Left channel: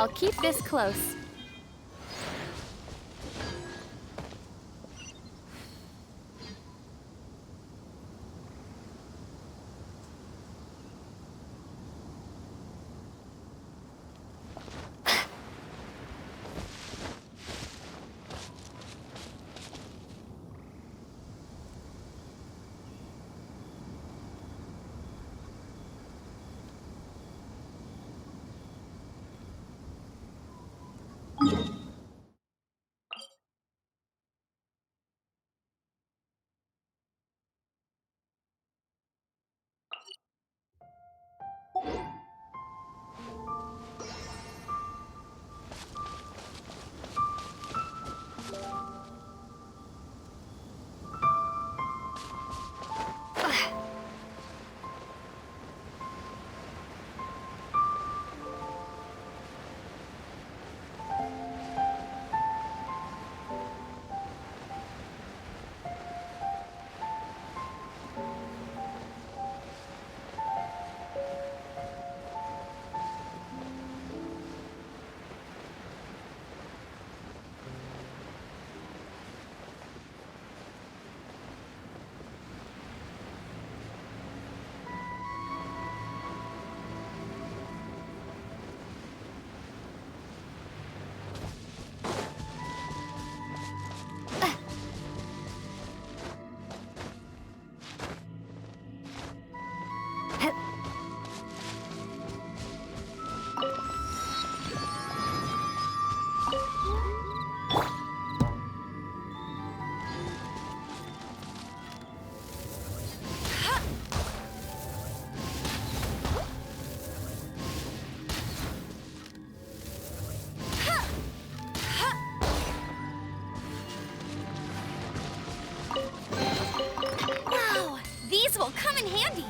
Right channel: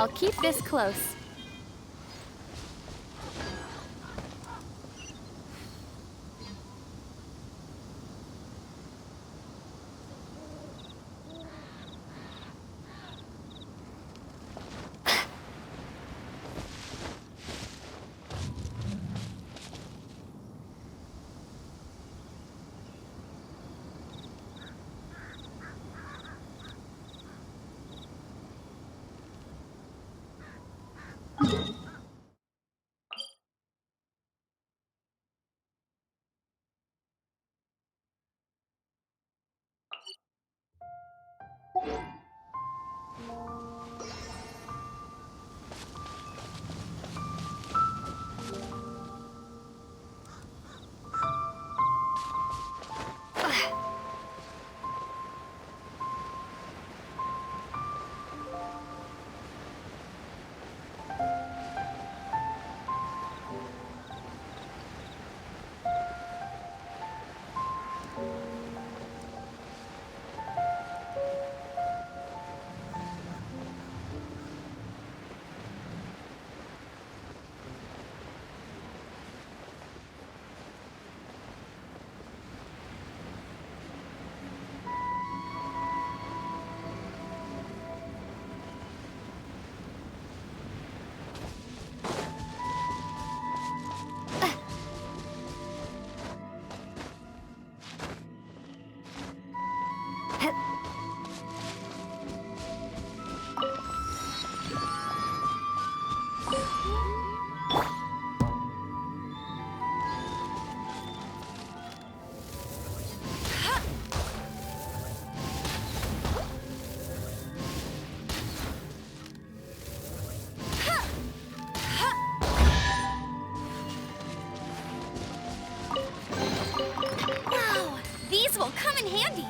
I'll keep this close. Wow, these will come in handy.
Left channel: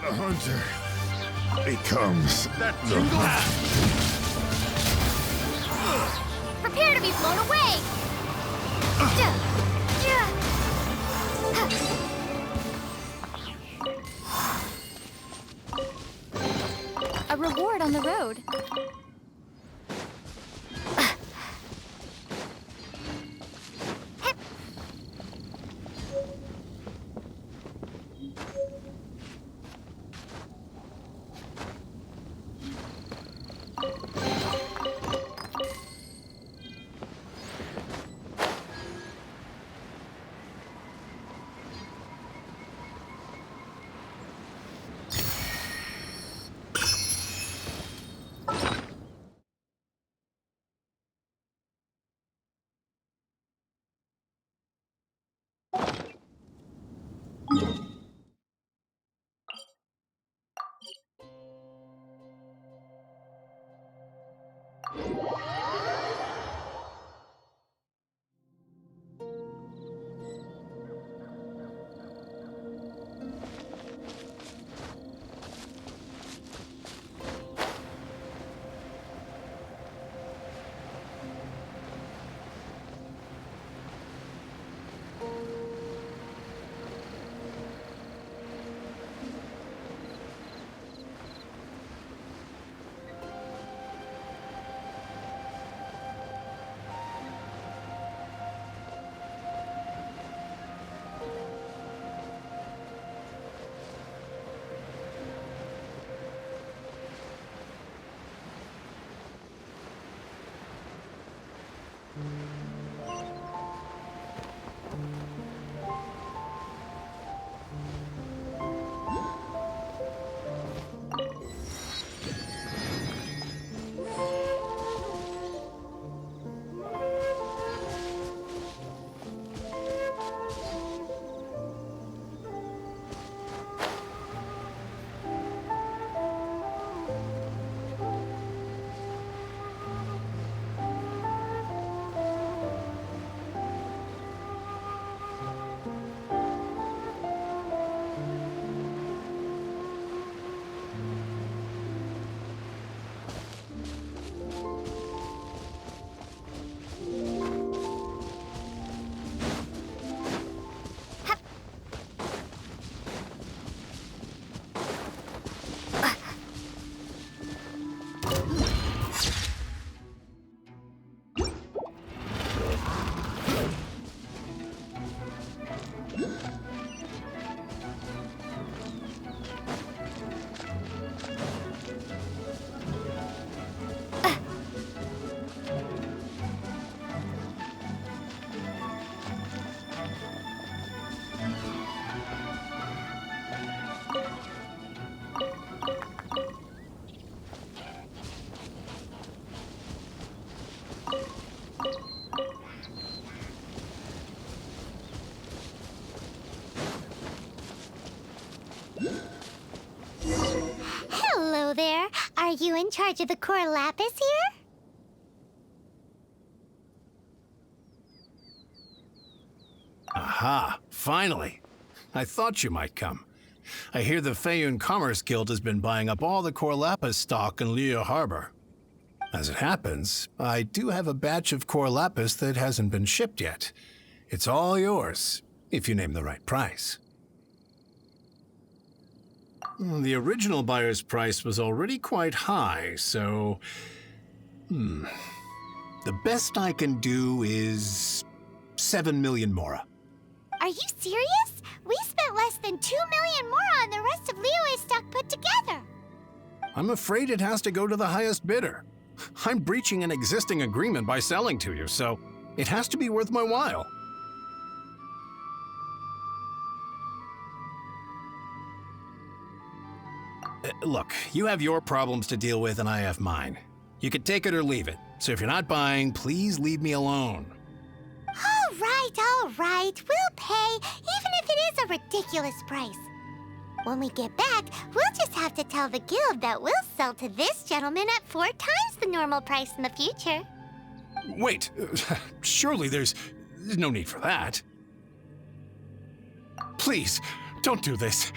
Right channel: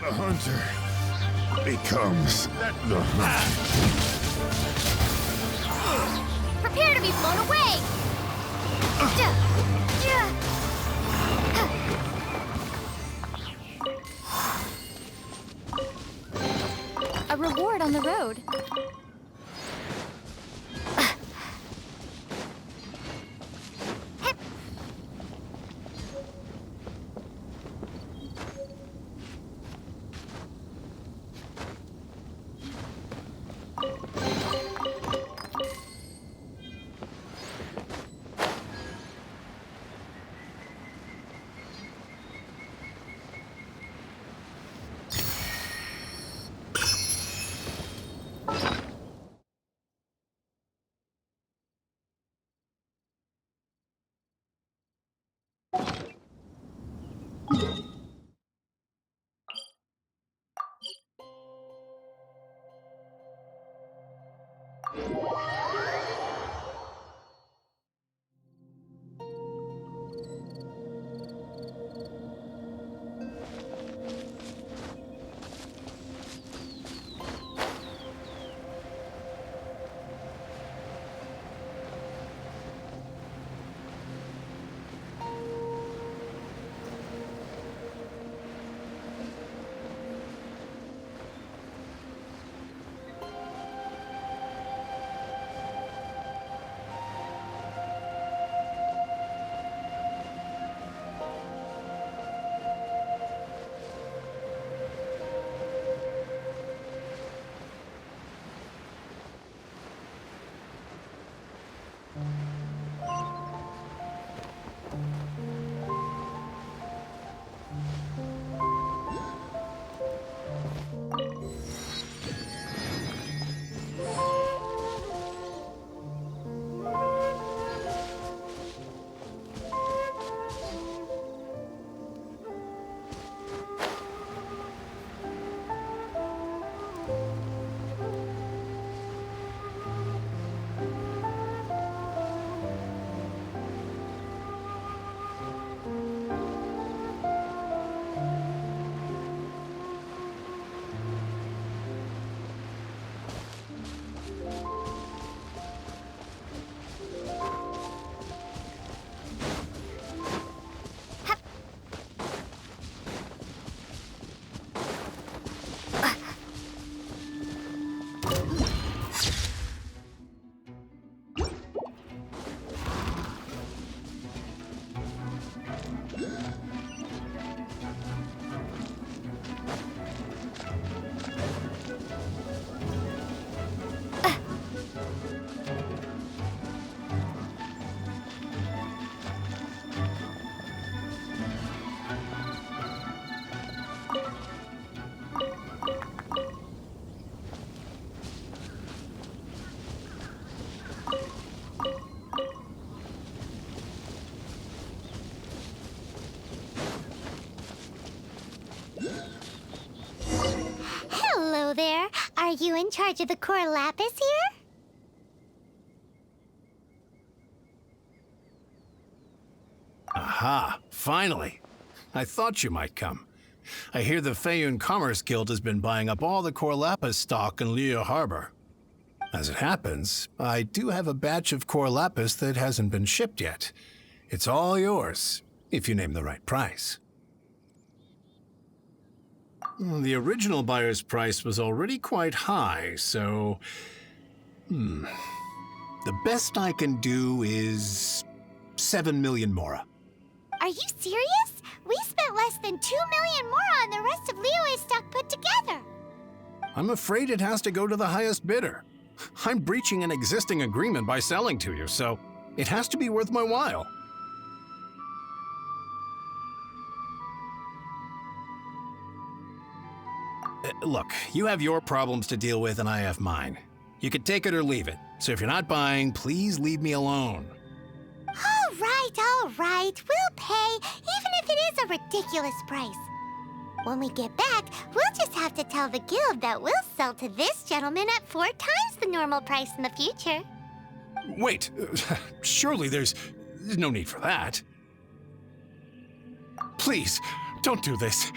The hunter becomes the hunt. Prepare to be blown away! A reward on the road. charge of the core lapis here? Aha, finally. I thought you might come. I hear the Feiyun Commerce Guild has been buying up all the core lapis stock in Liyue Harbor. As it happens, I do have a batch of core lapis that hasn't been shipped yet. It's all yours, if you name the right price. The original buyer's price was already quite high, so... The best I can do is 7 million mora. Are you serious? We spent less than 2 million more on the rest of Liyue's stock put together. I'm afraid it has to go to the highest bidder. I'm breaching an existing agreement by selling to you, so it has to be worth my while. Look, you have your problems to deal with and I have mine. You can take it or leave it, so if you're not buying, please leave me alone. All right, we'll pay, even if it is a ridiculous price. When we get back, we'll just have to tell the guild that we'll sell to this gentleman at 4 times the normal price in the future. Wait, surely there's no need for that. Please, don't do this.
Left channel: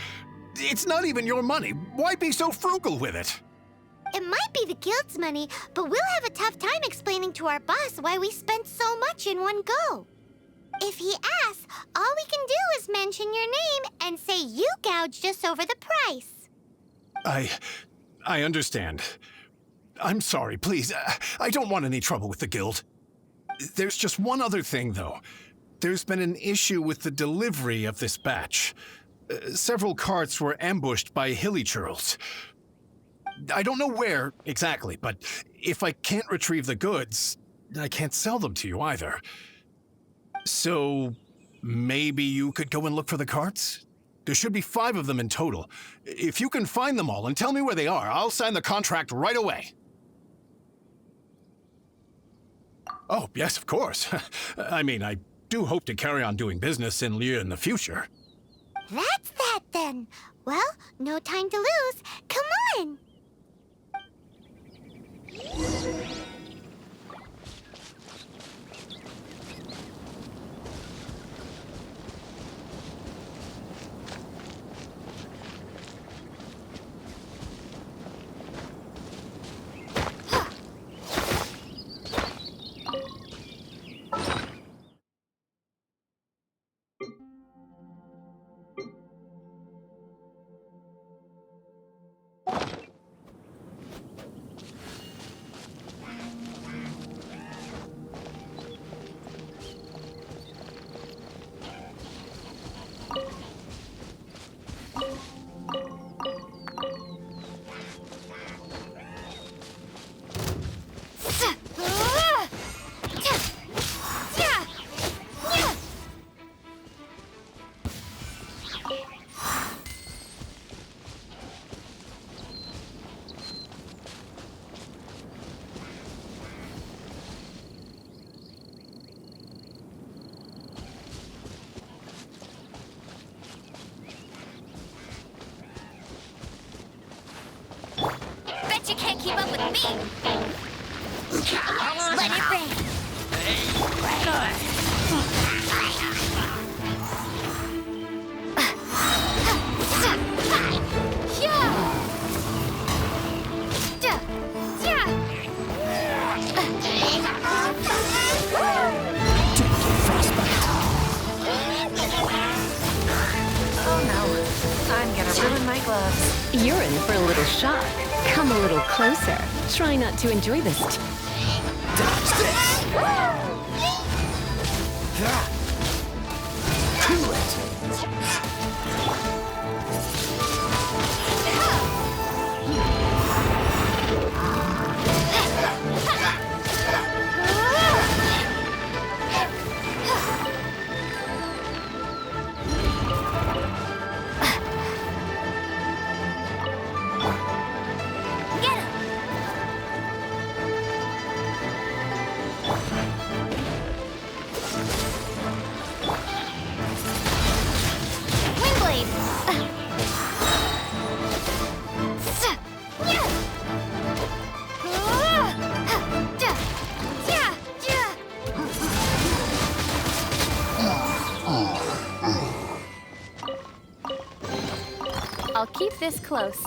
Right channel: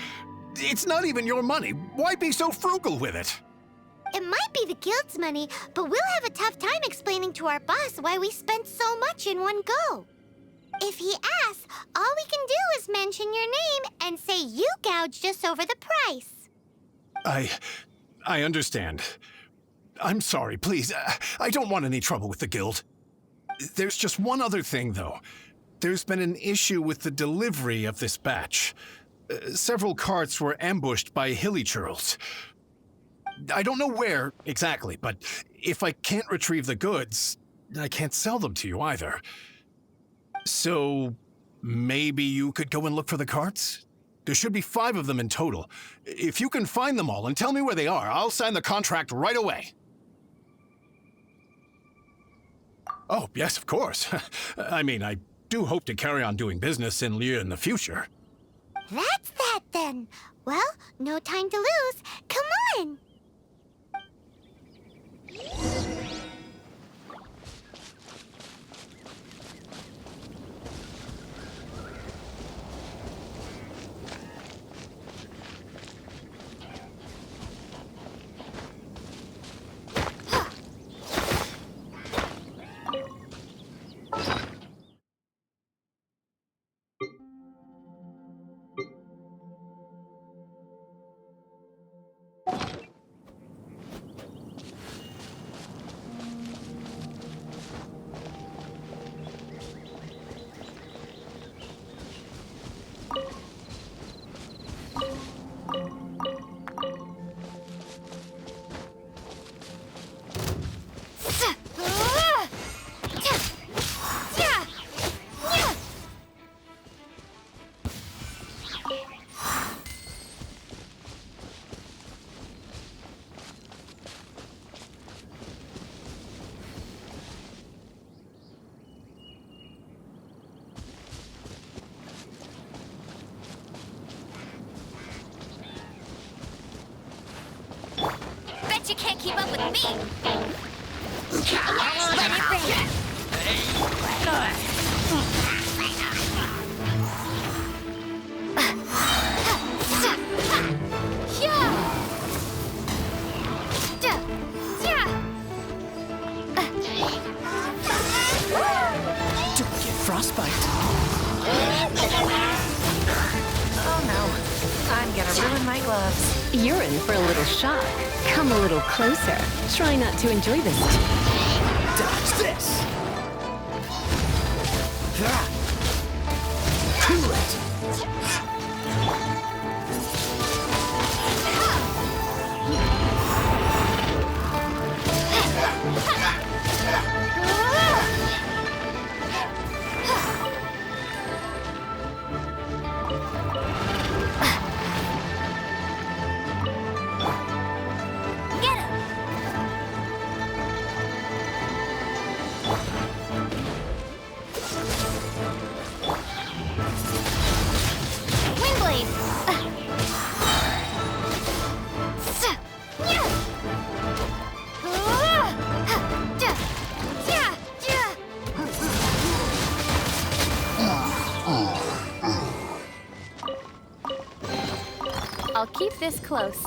It's not even your money. Why be so frugal with it? It might be the guild's money, but we'll have a tough time explaining to our boss why we spent so much in one go. If he asks, all we can do is mention your name and say you gouged us over the price. I understand. I'm sorry, please. I don't want any trouble with the guild. There's just one other thing, though. There's been an issue with the delivery of this batch. Several carts were ambushed by hilly churls. I don't know where exactly, but if I can't retrieve the goods, I can't sell them to you either. So maybe you could go and look for the carts? There should be 5 of them in total. If you can find them all and tell me where they are, I'll sign the contract right away. Oh, yes, of course. I mean, I do hope to carry on doing business in Liyue in the future. That's that then. Well, no time to lose. Come on! Bet you can't keep up with me. Let it rain. Don't get frostbite. Oh no, I'm gonna ruin my gloves. You're in for a little shock. Come a little closer. Try not to enjoy this. Dodge this. Cool it. Get him! I'll keep this close.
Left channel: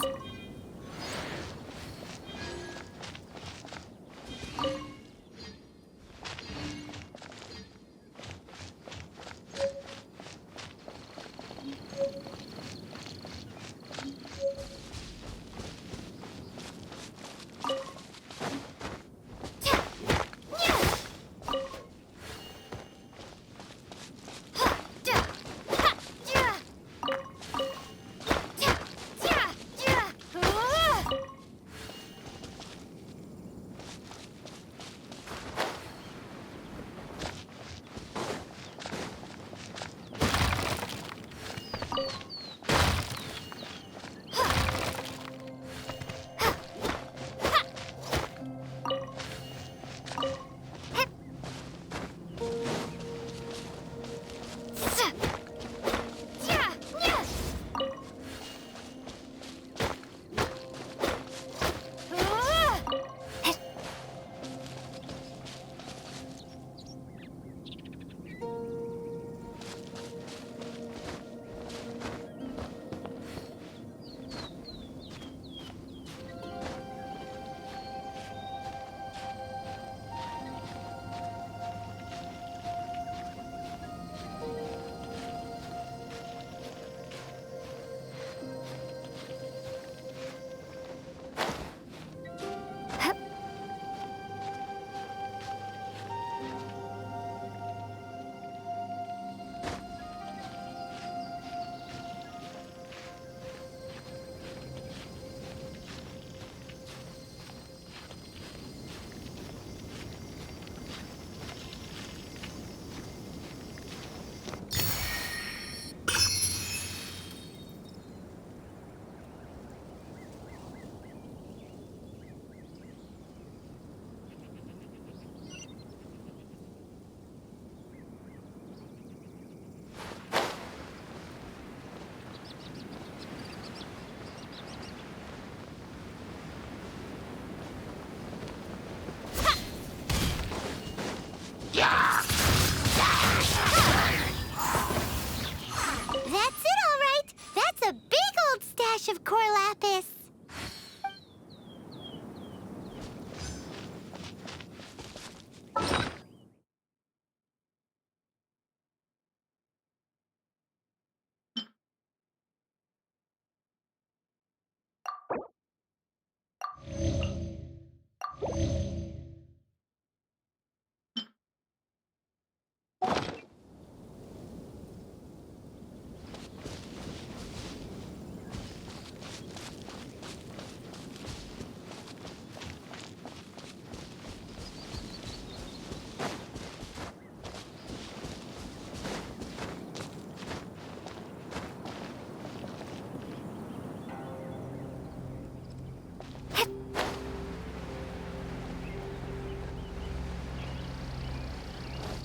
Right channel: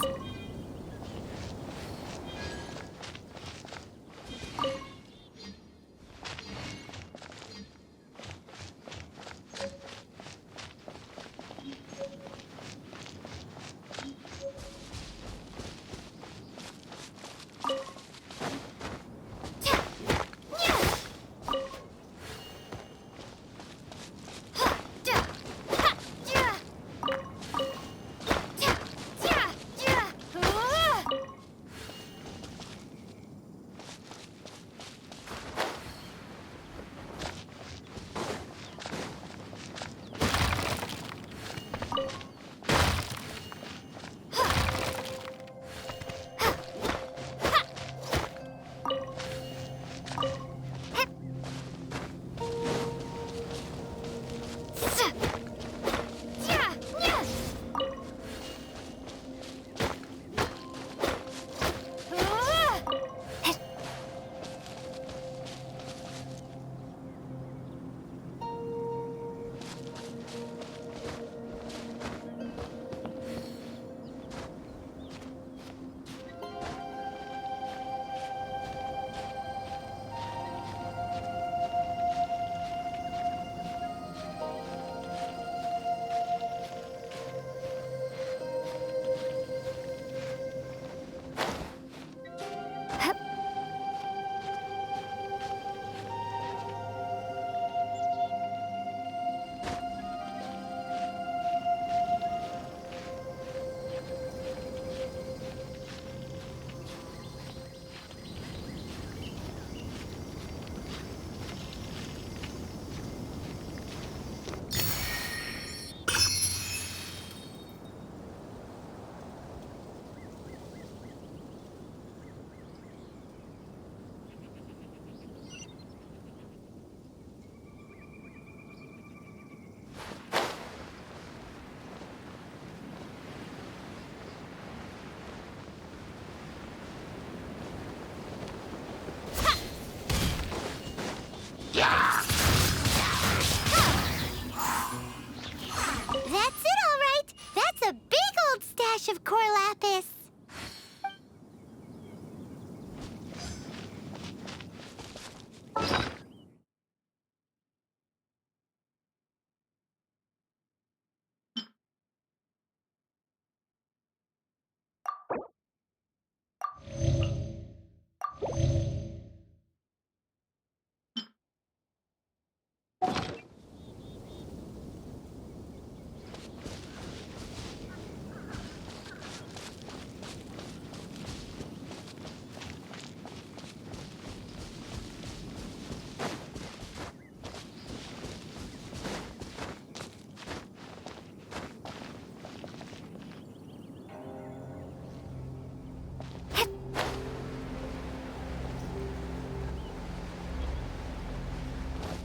That's it, all right. That's a big old stash of core lapis.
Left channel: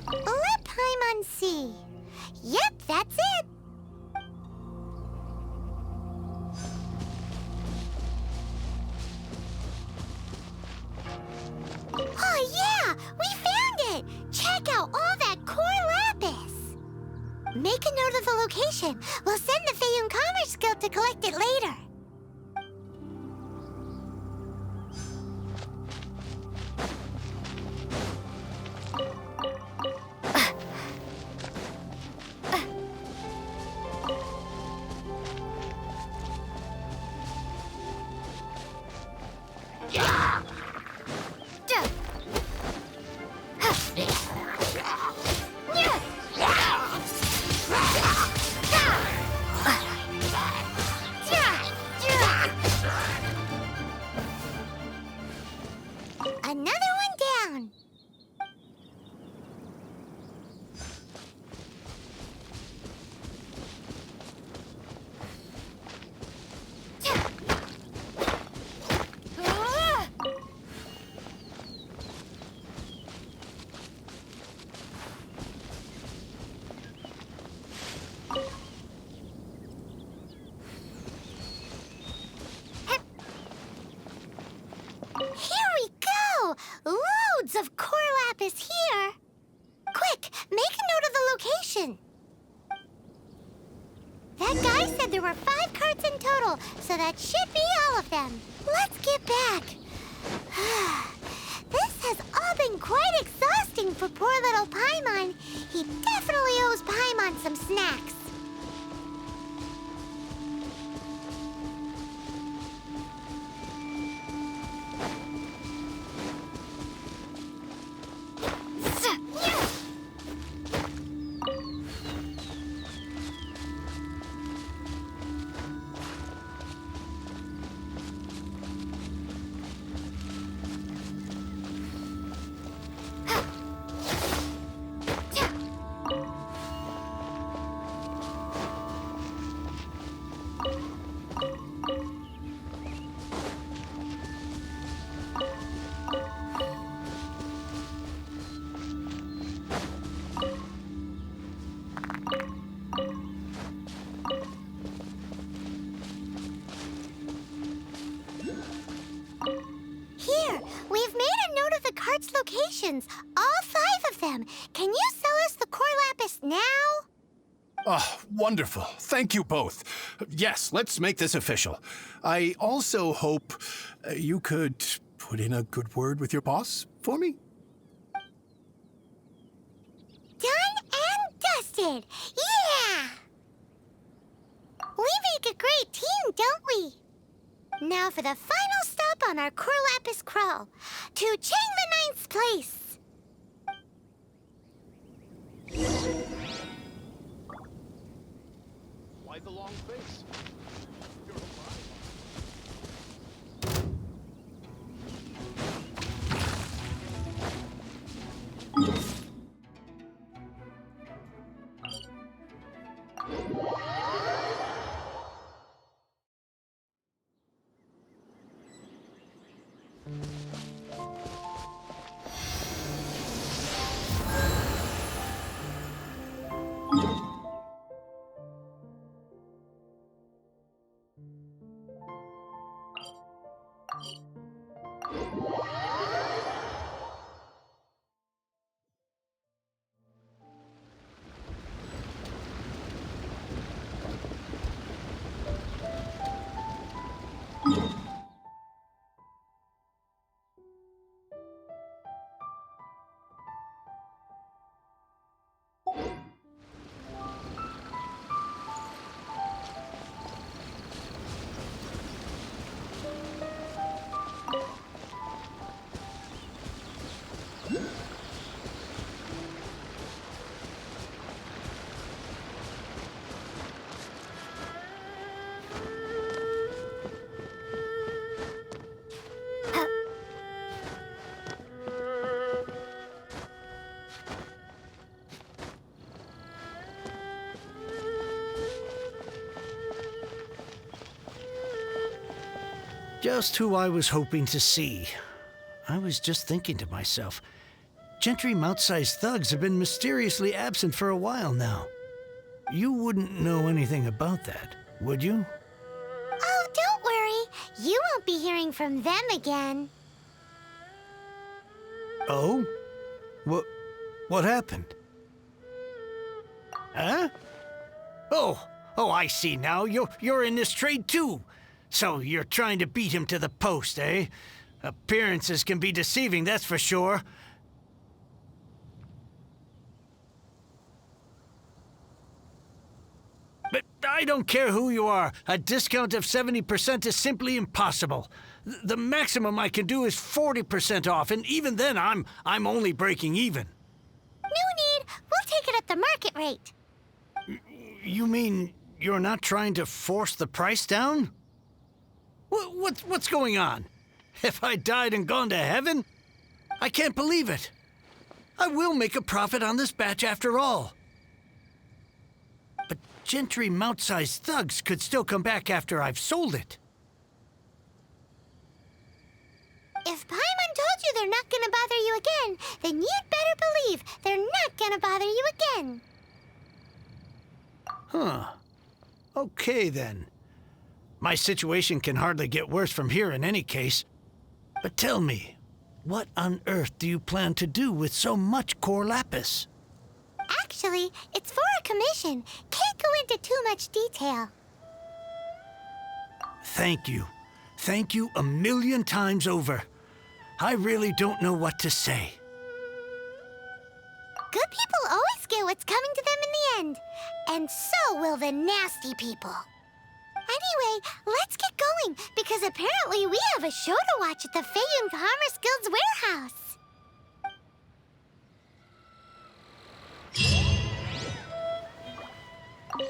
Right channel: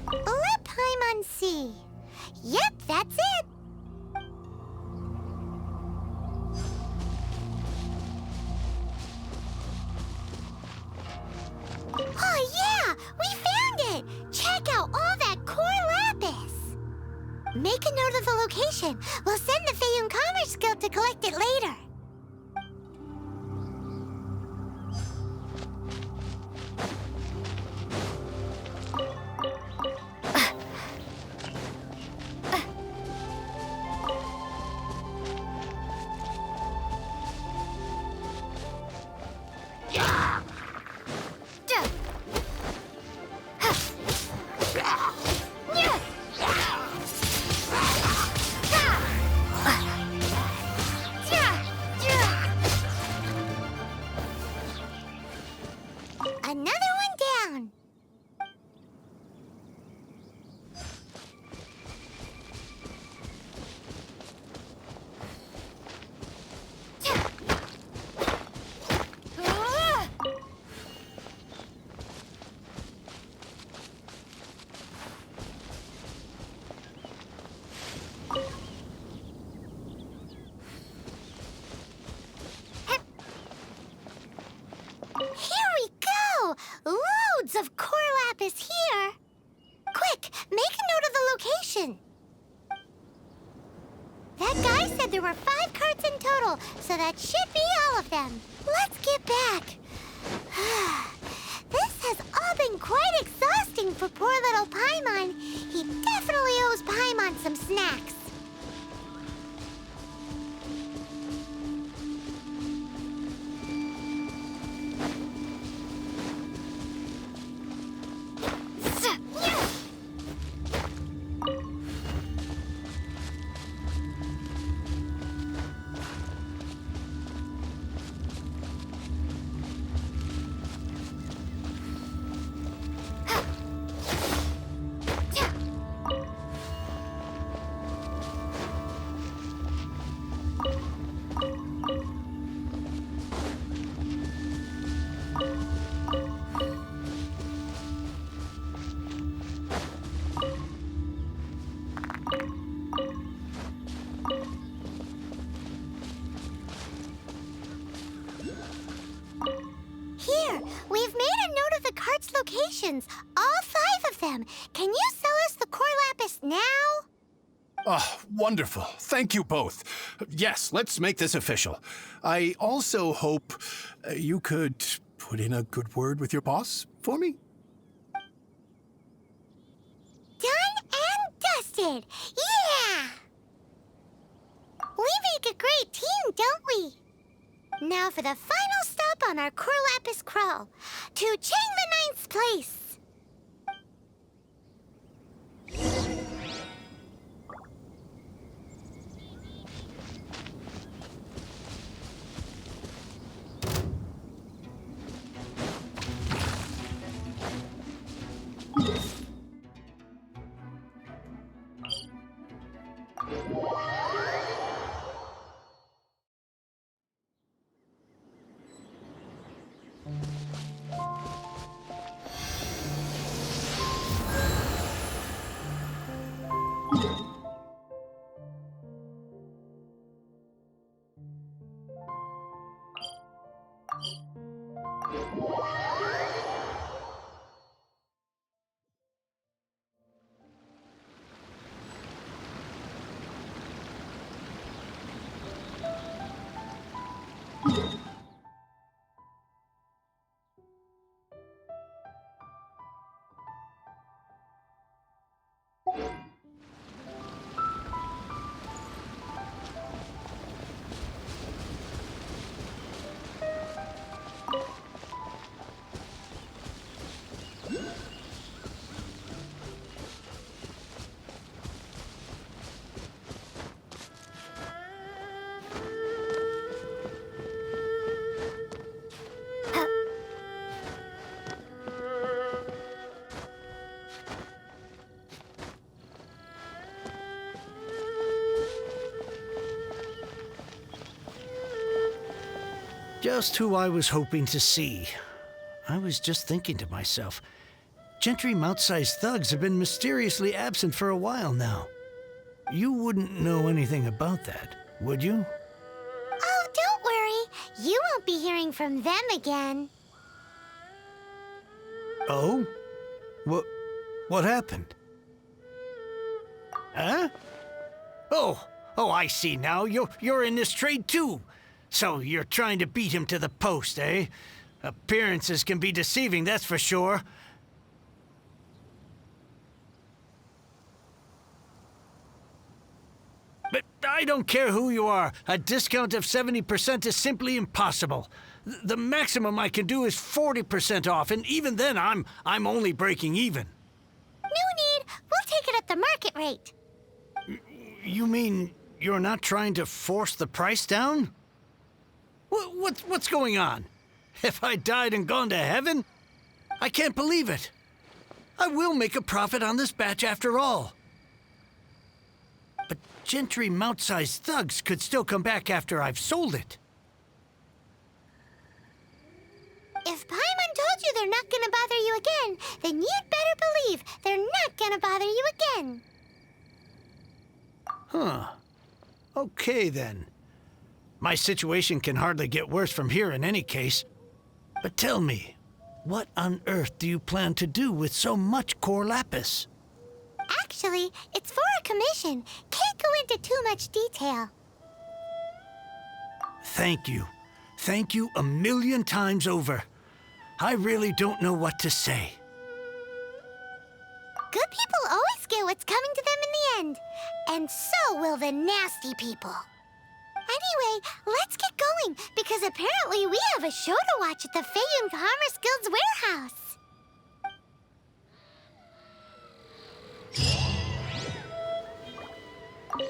Leipheim on Sea. Yep, that's it. Oh, yeah! We found it! Check out all that core lapis! Make a note of the location. We'll send the Fayum Commerce Guild to collect it later. Another one down. Here we go! Loads of core lapis here! Quick, make a note of the location! That guy said there were 5 carts in total, so that should be all of them. Let's get back. This has all been quite exhausting for poor little Paimon. He definitely owes Paimon some snacks. Here, we've made a note of the cart's locations, all 5 of them. Can you sell us the core lapis now? Oh, wonderful. Thank you both. Yes, let's make this official. I also hope you could put in a good word with your boss for me. Done and dusted. Yeah! We make a great team, don't we? Now for the final stop on our core lapis crawl, to Chang the Ninth's place. Just who I was hoping to see. I was just thinking to myself, Gentry mount-sized thugs have been mysteriously absent for a while now. You wouldn't know anything about that, would you? Oh, don't worry. You won't be hearing from them again. Oh? What happened? Huh? Oh, I see now. You're in this trade too. So you're trying to beat him to the post, eh? Appearances can be deceiving, that's for sure. But I don't care who you are. A discount of 70% is simply impossible. The maximum I can do is 40% off, and even then I'm only breaking even. No need. We'll take it at the market rate. You mean you're not trying to force the price down? What's going on? Have I died and gone to heaven? I can't believe it. I will make a profit on this batch after all. But Gentry mount-sized thugs could still come back after I've sold it. If Paimon told you they're not gonna bother you again, then you'd better believe they're not gonna bother you again. Huh. Okay, then. My situation can hardly get worse from here in any case. But tell me, what on earth do you plan to do with so much core lapis? Actually, it's for a commission. Can't go into too much detail. Thank you. Thank you a million times over. I really don't know what to say. Good people always get what's coming to them in the end. And so will the nasty people. Anyway, let's get going, because apparently we have a show to watch at the Feiyun Commerce Guild's warehouse.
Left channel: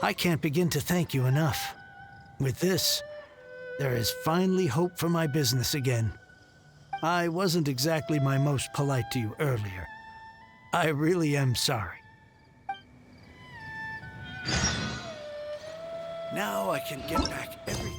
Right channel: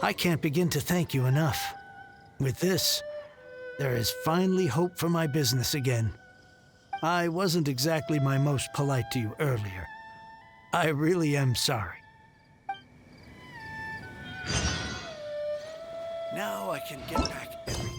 I can't begin to thank you enough. With this, there is finally hope for my business again. I wasn't exactly my most polite to you earlier. I really am sorry. Now I can get back everything.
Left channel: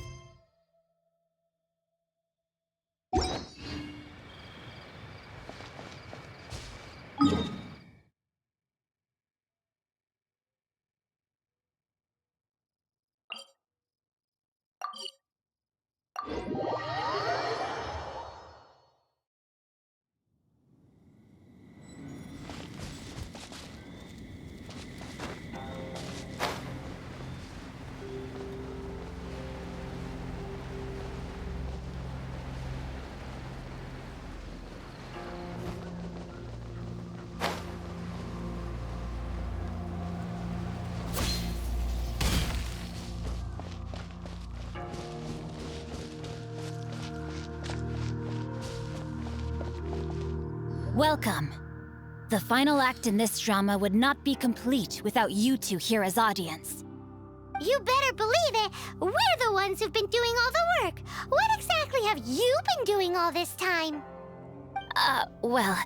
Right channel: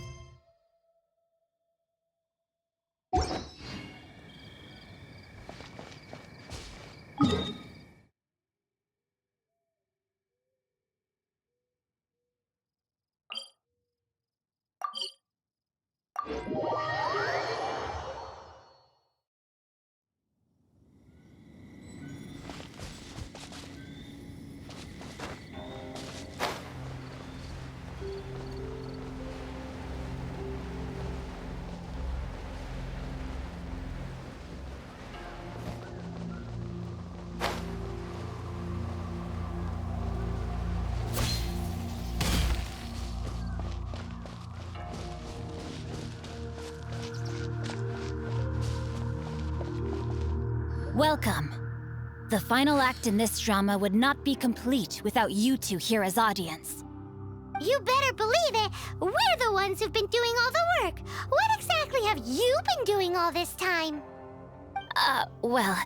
Welcome. The final act in this drama would not be complete without you two here as audience. You better believe it. We're the ones who've been doing all the work. What exactly have you been doing all this time? Well,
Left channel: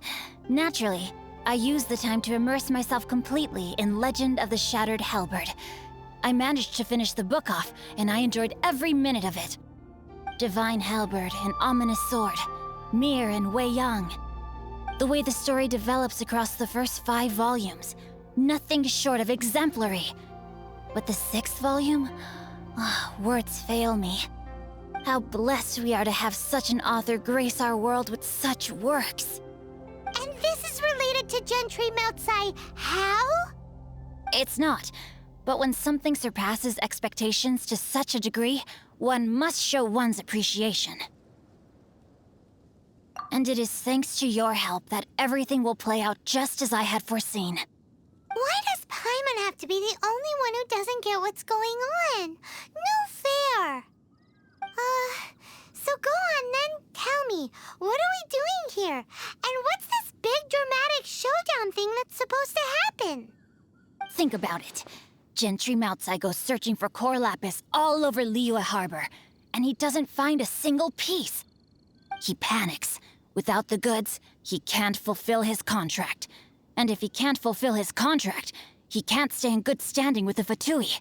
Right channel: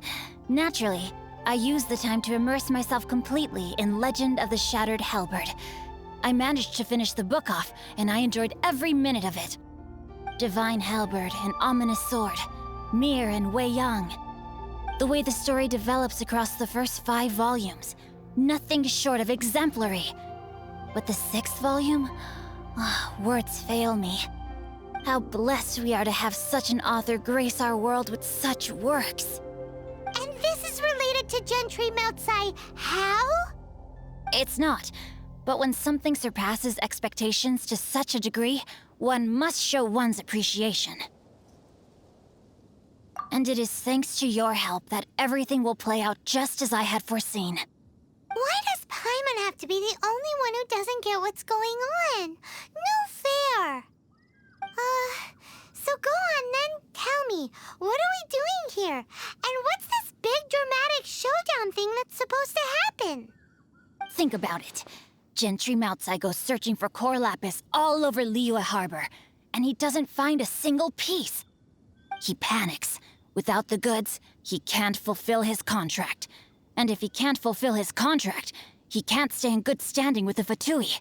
naturally, I used the time to immerse myself completely in Legend of the Shattered Halberd. I managed to finish the book off, and I enjoyed every minute of it. Divine Halberd, an ominous sword, Mir and Wei Yang. The way the story develops across the first 5 volumes, nothing short of exemplary. But the 6th volume? Words fail me. How blessed we are to have such an author grace our world with such works. And this is related to Gentry Meltsai. How? It's not. But when something surpasses expectations to such a degree, one must show one's appreciation. And it is thanks to your help that everything will play out just as I had foreseen. Why does Paimon have to be the only one who doesn't get what's going on? No fair. So go on then, tell me, what are we doing here? And what's this big dramatic showdown thing that's supposed to happen? Think about it. Gentry Meltsai goes searching for core lapis all over Liyue Harbor, and he doesn't find a single piece. He panics. Without the goods, he can't fulfill his contract. And if he can't fulfill his contract, he can't stay in good standing with the Fatui.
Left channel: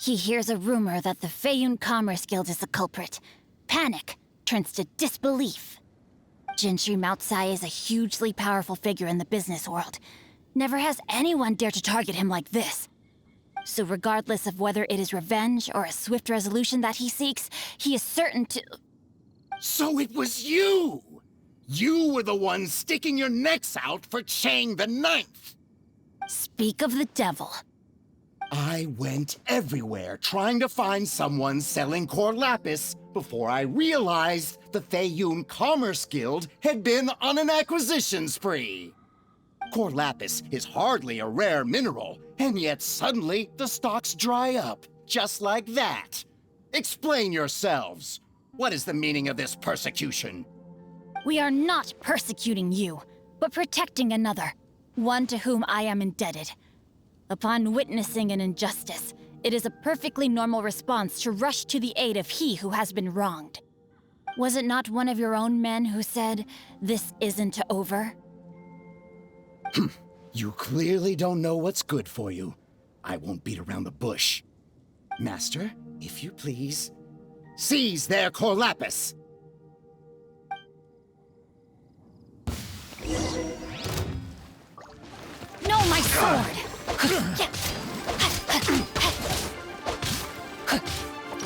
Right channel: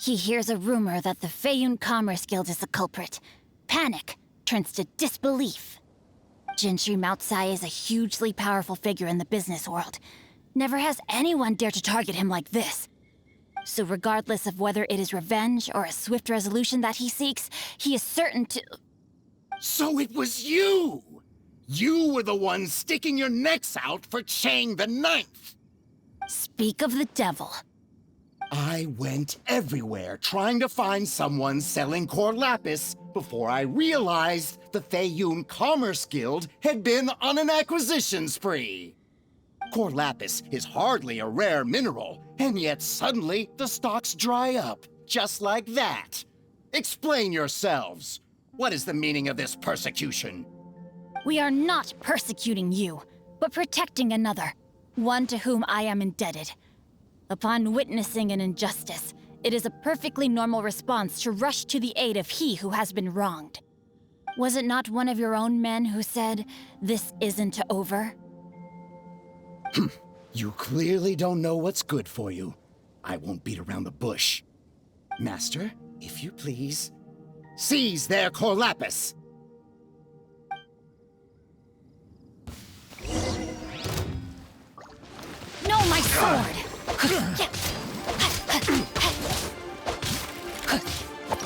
He hears a rumor that the Feiyun Commerce Guild is the culprit. Panic turns to disbelief. Gentry Meltsai is a hugely powerful figure in the business world. Never has anyone dared to target him like this. So regardless of whether it is revenge or a swift resolution that he seeks, he is certain to... So it was you! You were the one sticking your necks out for Chang the Ninth! Speak of the devil. I went everywhere trying to find someone selling core lapis before I realized the Feiyun Commerce Guild had been on an acquisition spree. Core lapis is hardly a rare mineral, and yet suddenly the stocks dry up, just like that. Explain yourselves. What is the meaning of this persecution? We are not persecuting you, but protecting another, one to whom I am indebted. Upon witnessing an injustice, it is a perfectly normal response to rush to the aid of he who has been wronged. Was it not one of your own men who said, "This isn't over"? You clearly don't know what's good for you. I won't beat around the bush. Master, if you please, seize their core lapis! No, my sword!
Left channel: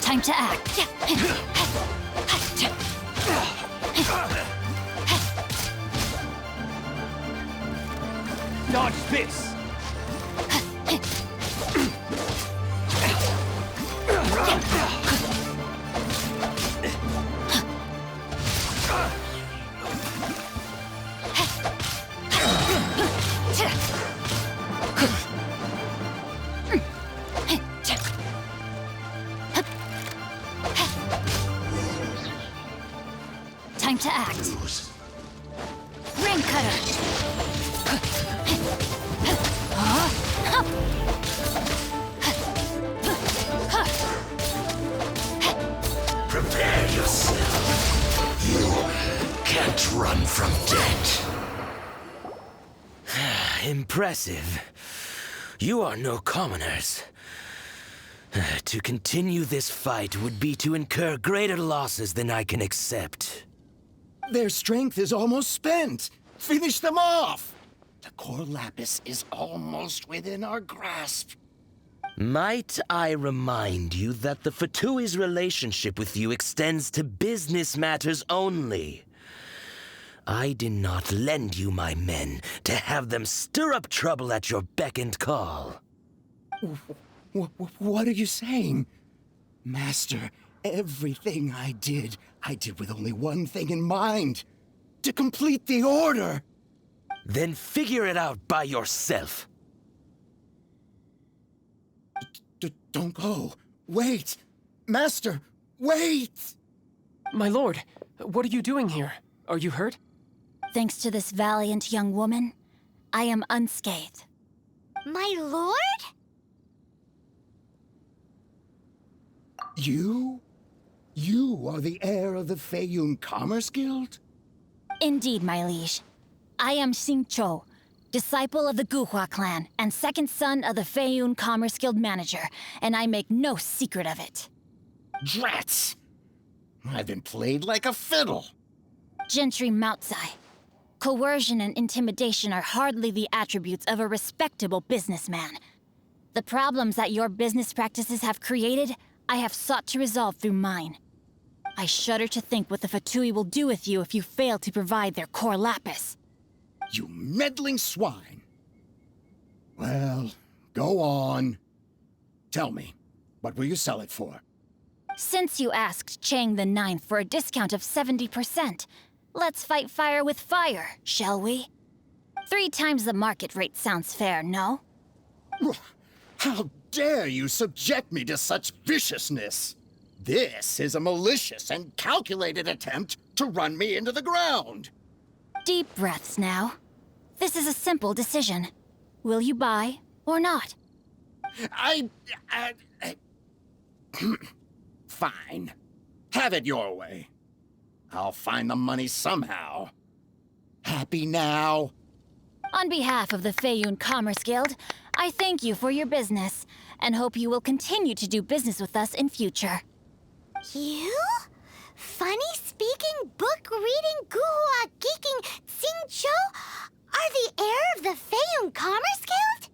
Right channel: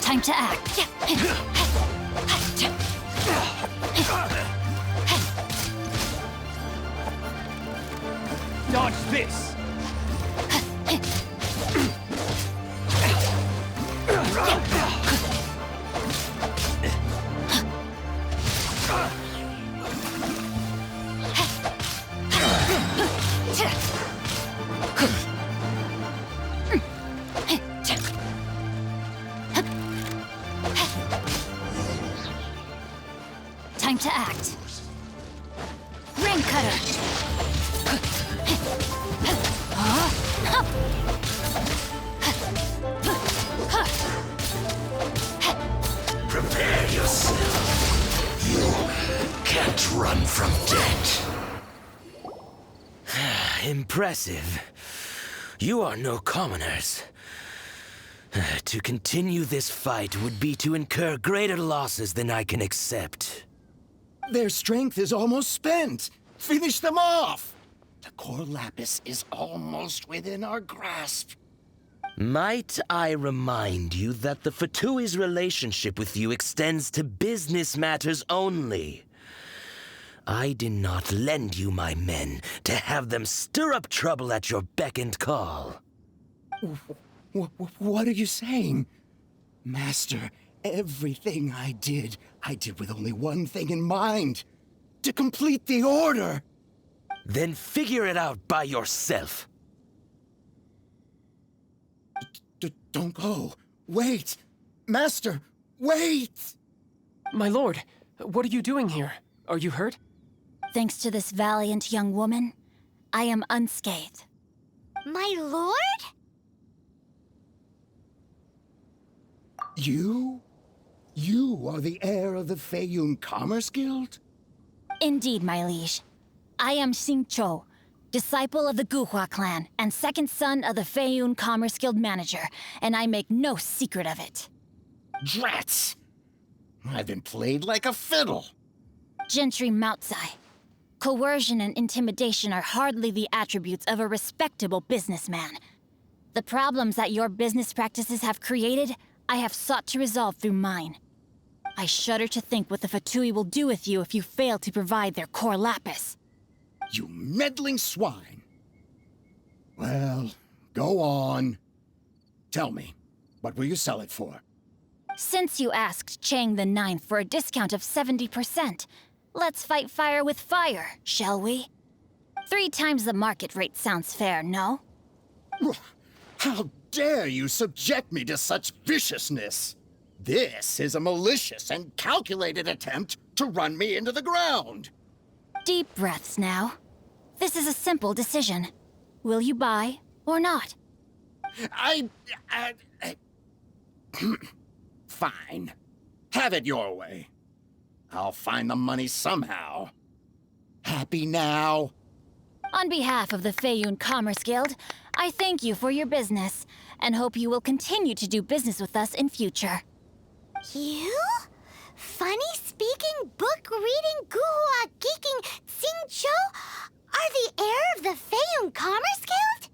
Time to act. Dodge this! Time to act. Ring cutter. Prepare yourself. You can't run from death. Impressive. You are no commoners. To continue this fight would be to incur greater losses than I can accept. Their strength is almost spent. Finish them off. The core lapis is almost within our grasp. Might I remind you that the Fatui's relationship with you extends to business matters only? I did not lend you my men to have them stir up trouble at your beck and call. What are you saying? Master, everything I did with only one thing in mind. To complete the order. Then figure it out by yourself. Don't go. Wait. Master, wait! My lord, what are you doing here? Are you hurt? Thanks to this valiant young woman, I am unscathed. My lord? You? You are the heir of the Feiyun Commerce Guild? Indeed, my liege. I am Xingqiu, disciple of the Guhua clan and second son of the Feiyun Commerce Guild manager, and I make no secret of it. Drats! I've been played like a fiddle. Gentry Moutsai. Coercion and intimidation are hardly the attributes of a respectable businessman. The problems that your business practices have created, I have sought to resolve through mine. I shudder to think what the Fatui will do with you if you fail to provide their core lapis. You meddling swine. Well, go on. Tell me, what will you sell it for? Since you asked Chang the Ninth for a discount of 70%, let's fight fire with fire, shall we? 3 times the market rate sounds fair, no? How dare you subject me to such viciousness? This is a malicious and calculated attempt to run me into the ground. Deep breaths now. This is a simple decision. Will you buy or not? Fine. Have it your way. I'll find the money somehow. Happy now? On behalf of the Feiyun Commerce Guild, I thank you for your business, and hope you will continue to do business with us in future. You? Funny-speaking, book-reading, guhua geeking Xingqiu are the heir of the Feiyun Commerce Guild?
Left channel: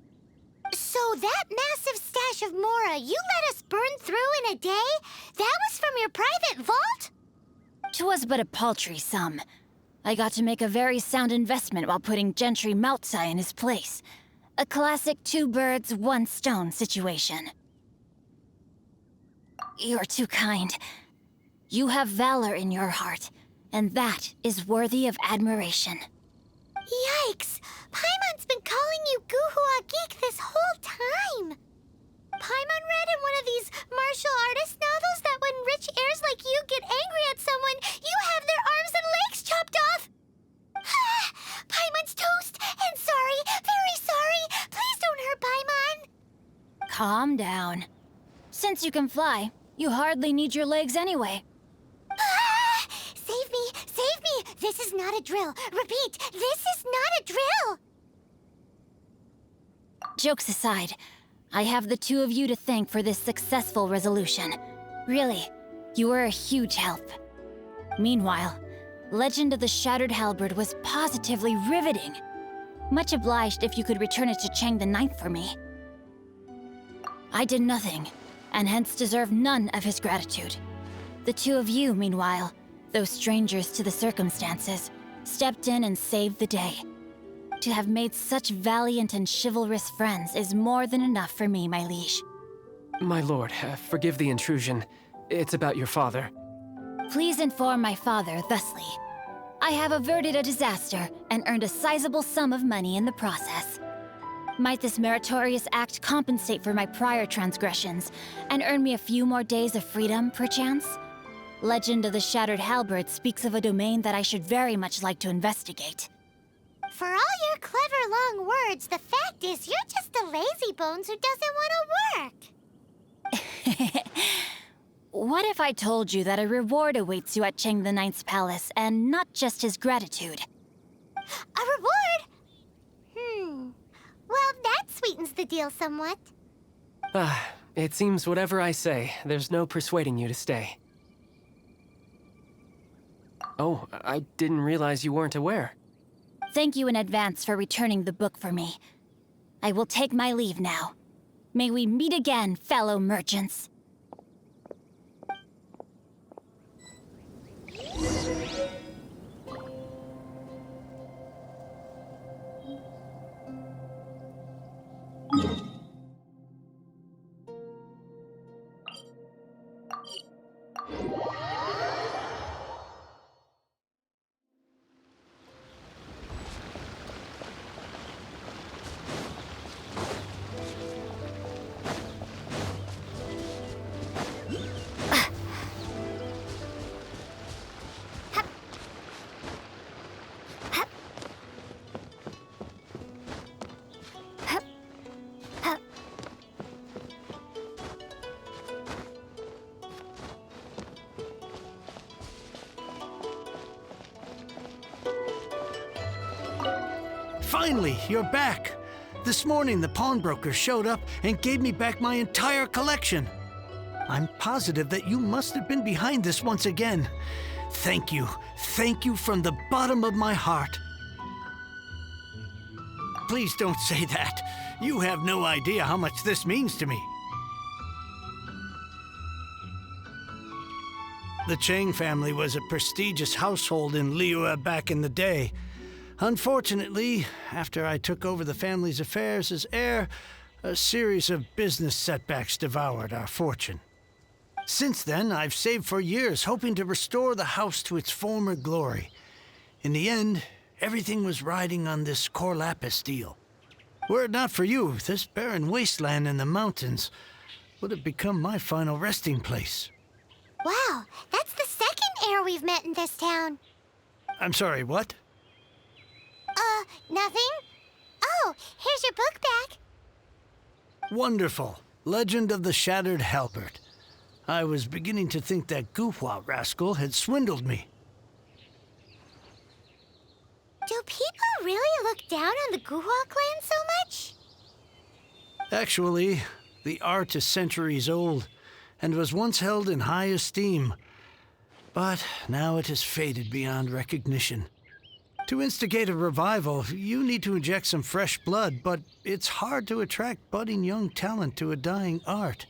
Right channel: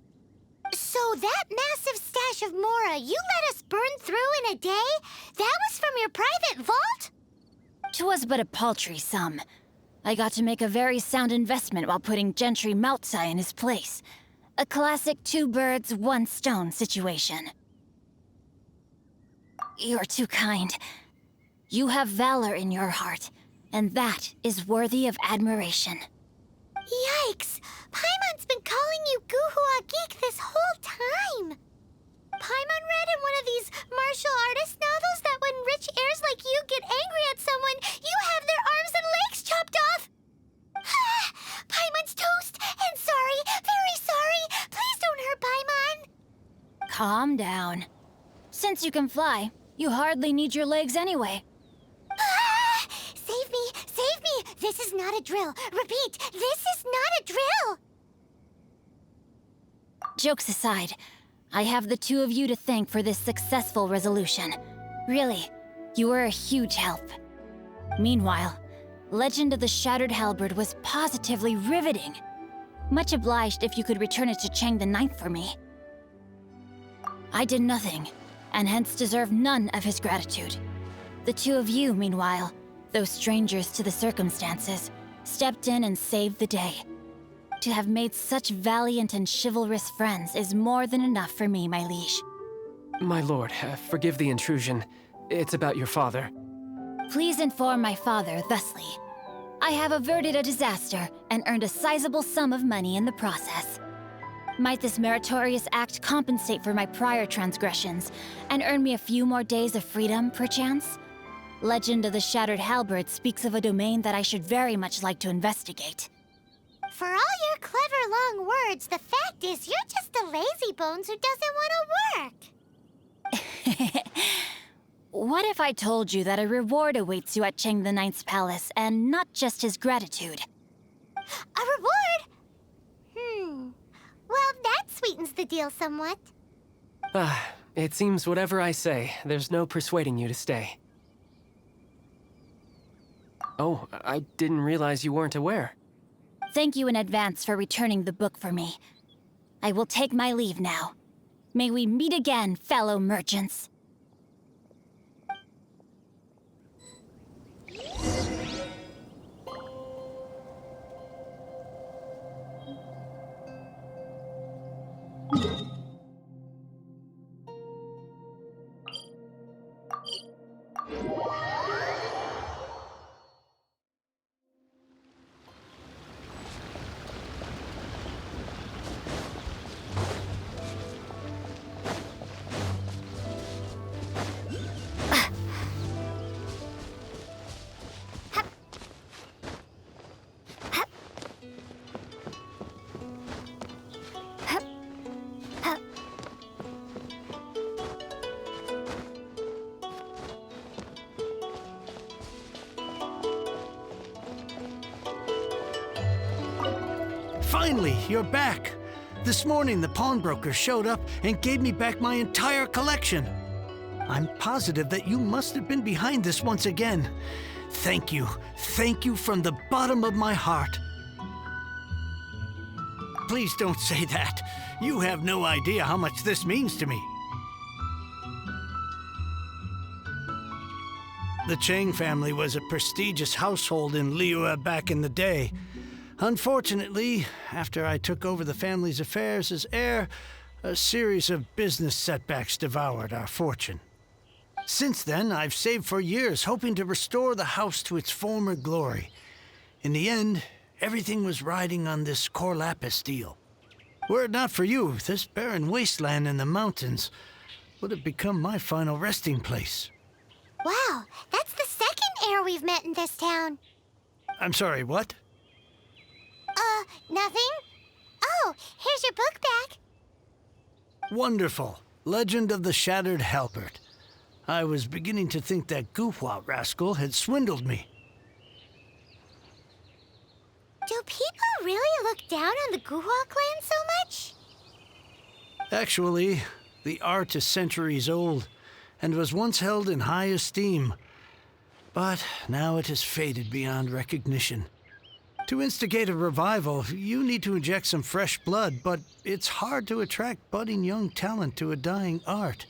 So that massive stash of Mora you let us burn through in a day, that was from your private vault? 'Twas but a paltry sum. I got to make a very sound investment while putting Gentry Moutsai in his place. A classic 2 birds, 1 stone situation. You're too kind. You have valor in your heart, and that is worthy of admiration. Yikes! Paimon's been calling you Guhua Geek this whole time! Paimon read in one of these martial artist novels that when rich heirs like you get angry at someone, you have their arms and legs chopped off! Paimon's toast! And sorry, very sorry! Please don't hurt Paimon! Calm down. Since you can fly, you hardly need your legs anyway. Save me! Save me! This is not a drill! Repeat, this is not a drill! Jokes aside, I have the 2 of you to thank for this successful resolution. Really, you were a huge help. Meanwhile, Legend of the Shattered Halberd was positively riveting. Much obliged if you could return it to Chang the Ninth for me. I did nothing, and hence deserve none of his gratitude. The 2 of you, meanwhile, though strangers to the circumstances, stepped in and saved the day. To have made such valiant and chivalrous friends is more than enough for me, my liege. My lord, forgive the intrusion. It's about your father. Please inform my father thusly. I have averted a disaster and earned a sizable sum of money in the process. Might this meritorious act compensate for my prior transgressions and earn me a few more days of freedom, perchance? Legend of the Shattered Halberd speaks of a domain that I should very much like to investigate. For all your clever long words, the fact is you're just a lazy bones who doesn't want to work. What if I told you that a reward awaits you at Cheng the Ninth's palace, and not just his gratitude? A reward? Well, that sweetens the deal somewhat. It seems whatever I say, there's no persuading you to stay. Oh, I didn't realize you weren't aware. Thank you in advance for returning the book for me. I will take my leave now. May we meet again, fellow merchants. Finally, you're back. This morning, the pawnbroker showed up and gave me back my entire collection. I'm positive that you must have been behind this once again. Thank you. Thank you from the bottom of my heart. Please don't say that. You have no idea how much this means to me. The Cheng family was a prestigious household in Liyue back in the day. Unfortunately, after I took over the family's affairs as heir, a series of business setbacks devoured our fortune. Since then, I've saved for years, hoping to restore the house to its former glory. In the end, everything was riding on this Cor Lapis deal. Were it not for you, this barren wasteland in the mountains would have become my final resting place. Wow, that's the second heir we've met in this town. I'm sorry, what? Nothing? Oh, here's your book back. Wonderful. Legend of the Shattered Halberd. I was beginning to think that Guhua rascal had swindled me. Do people really look down on the Guhua clan so much? Actually, the art is centuries old and was once held in high esteem. But now it has faded beyond recognition. To instigate a revival, you need to inject some fresh blood, but it's hard to attract budding young talent to a dying art.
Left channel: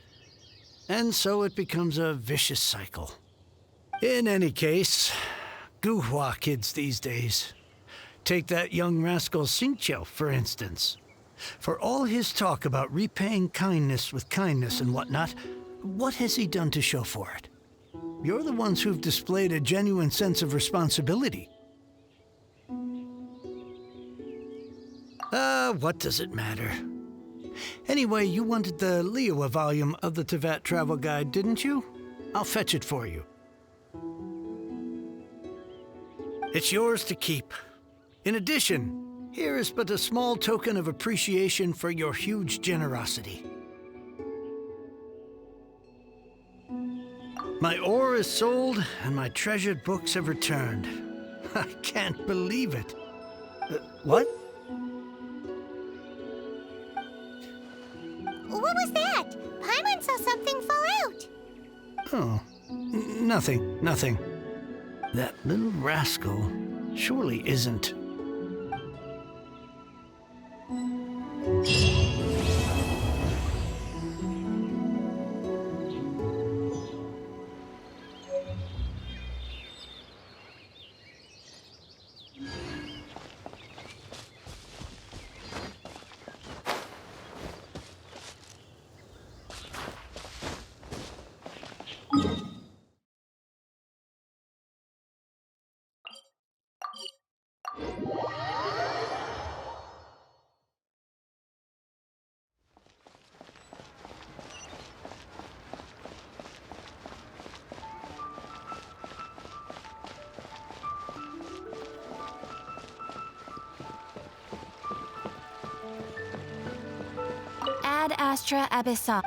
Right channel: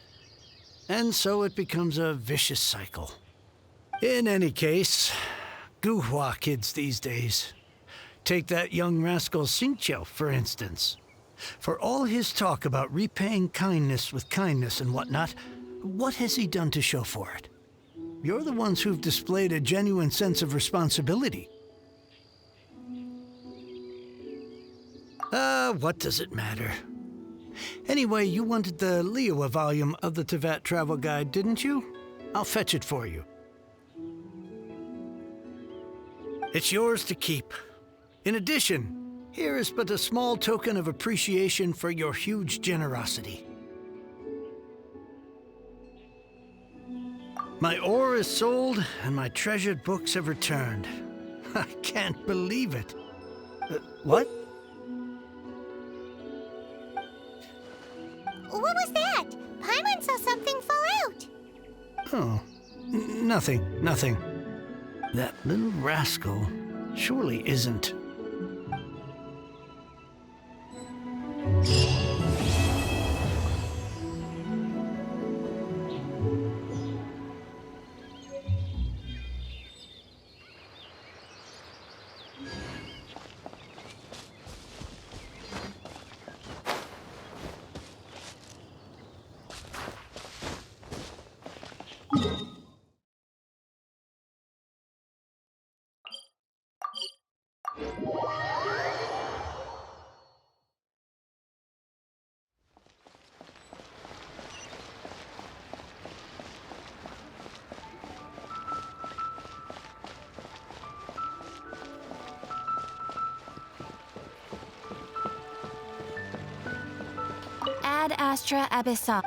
And so it becomes a vicious cycle. In any case, Guhua kids these days. Take that young rascal Xingqiu, for instance. For all his talk about repaying kindness with kindness and whatnot, what has he done to show for it? You're the ones who've displayed a genuine sense of responsibility. What does it matter? Anyway, you wanted the Liyue volume of the Teyvat Travel Guide, didn't you? I'll fetch it for you. It's yours to keep. In addition, here is but a small token of appreciation for your huge generosity. My ore is sold, and my treasured books have returned. I can't believe it. What? What was that? Paimon saw something fall out. Oh, nothing. That little rascal surely isn't. Ad Astra Abyssal.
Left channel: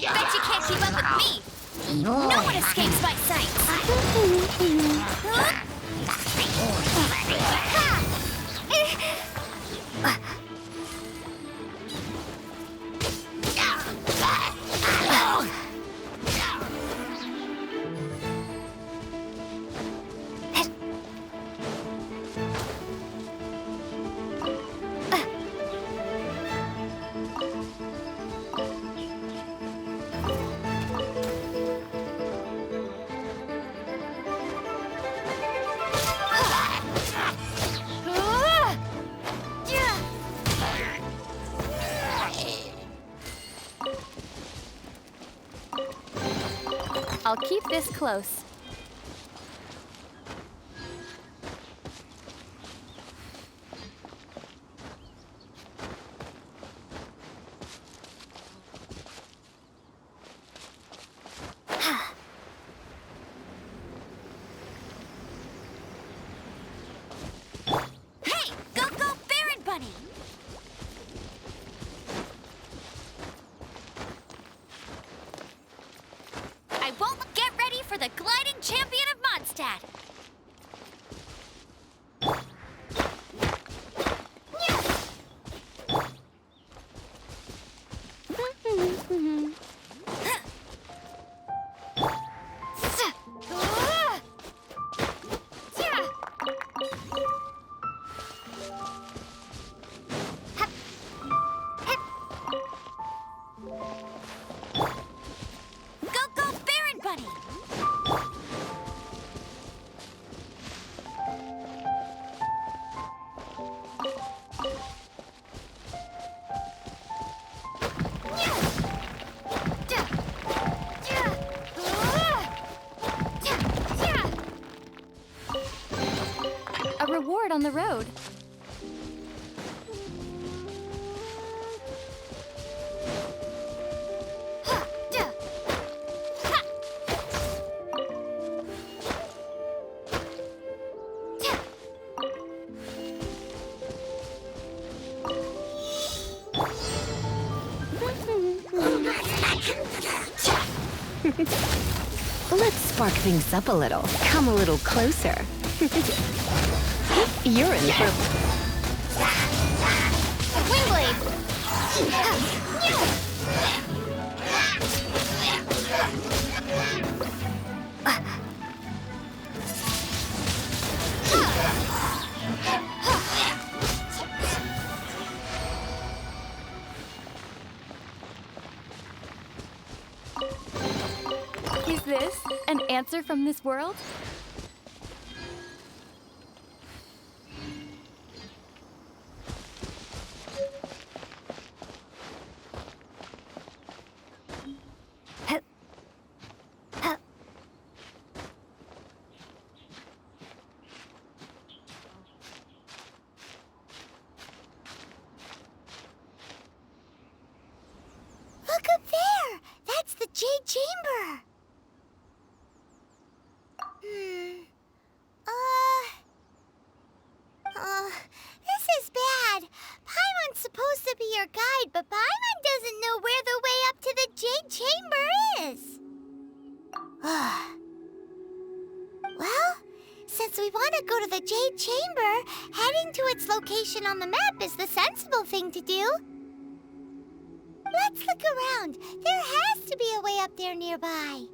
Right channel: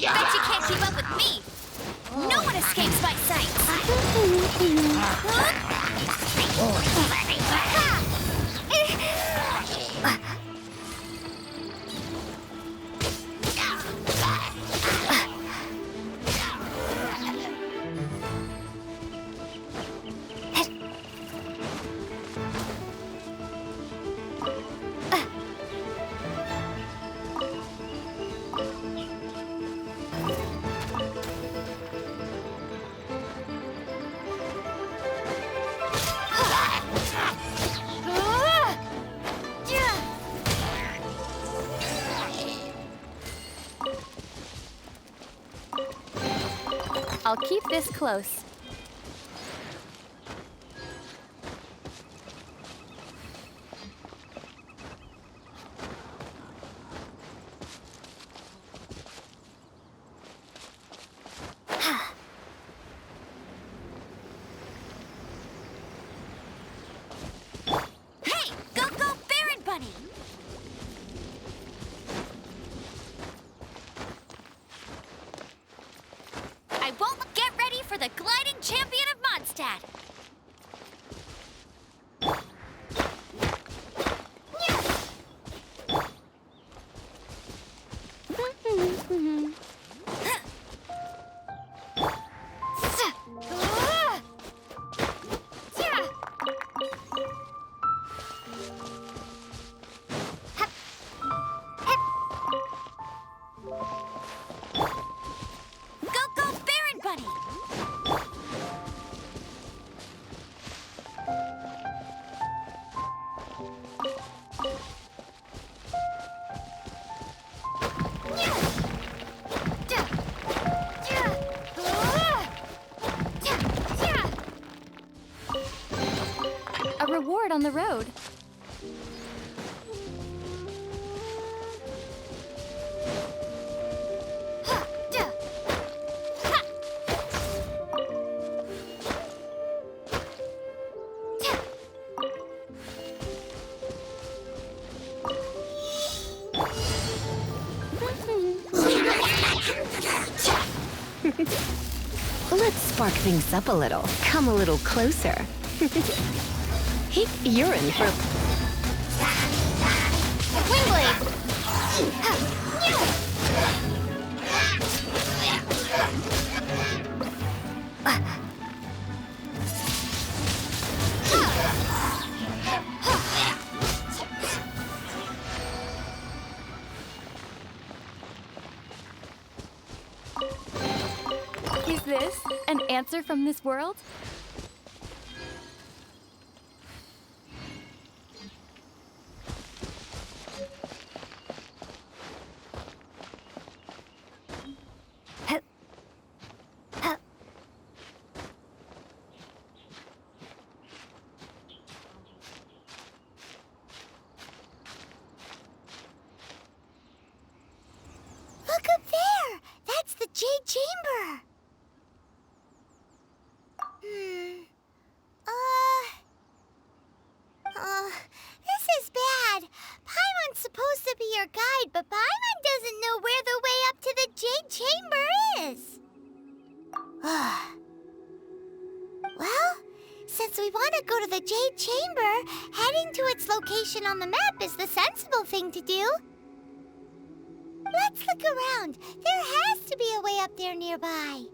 Bet you can't keep up with me! No one escapes my sight! I'll keep this close. Hey! Go, go, Baron Bunny! I won't get ready for the gliding champion of Mondstadt! Go, go, Baron Bunny! A reward on the road. Let's spark things up a little. Come a little closer. Hey, you're in for... Windblade! Is this an answer from this world? Look up there! That's the Jade Chamber! Since we want to go to the Jade Chamber, heading to its location on the map is the sensible thing to do. Let's look around. There has to be a way up there nearby.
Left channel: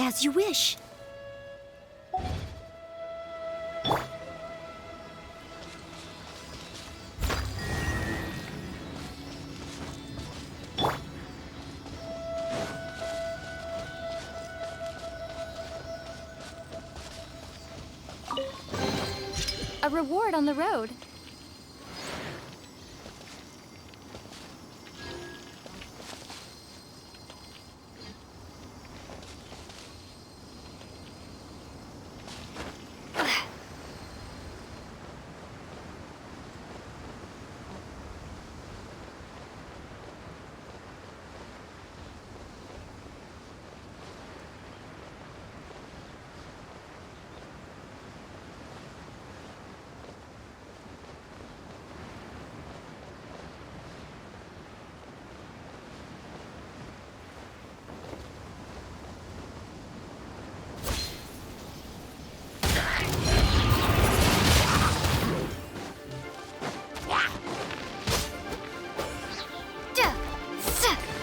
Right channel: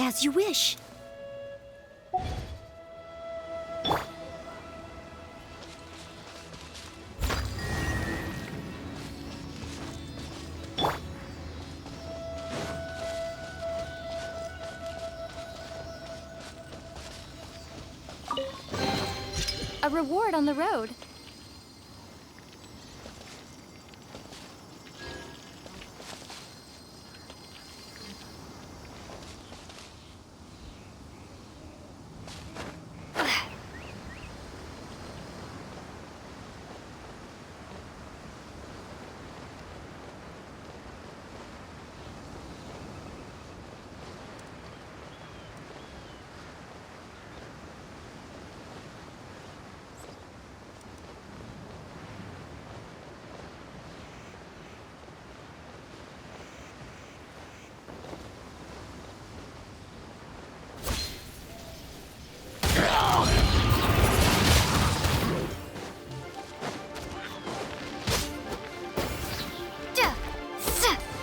As you wish. A reward on the road.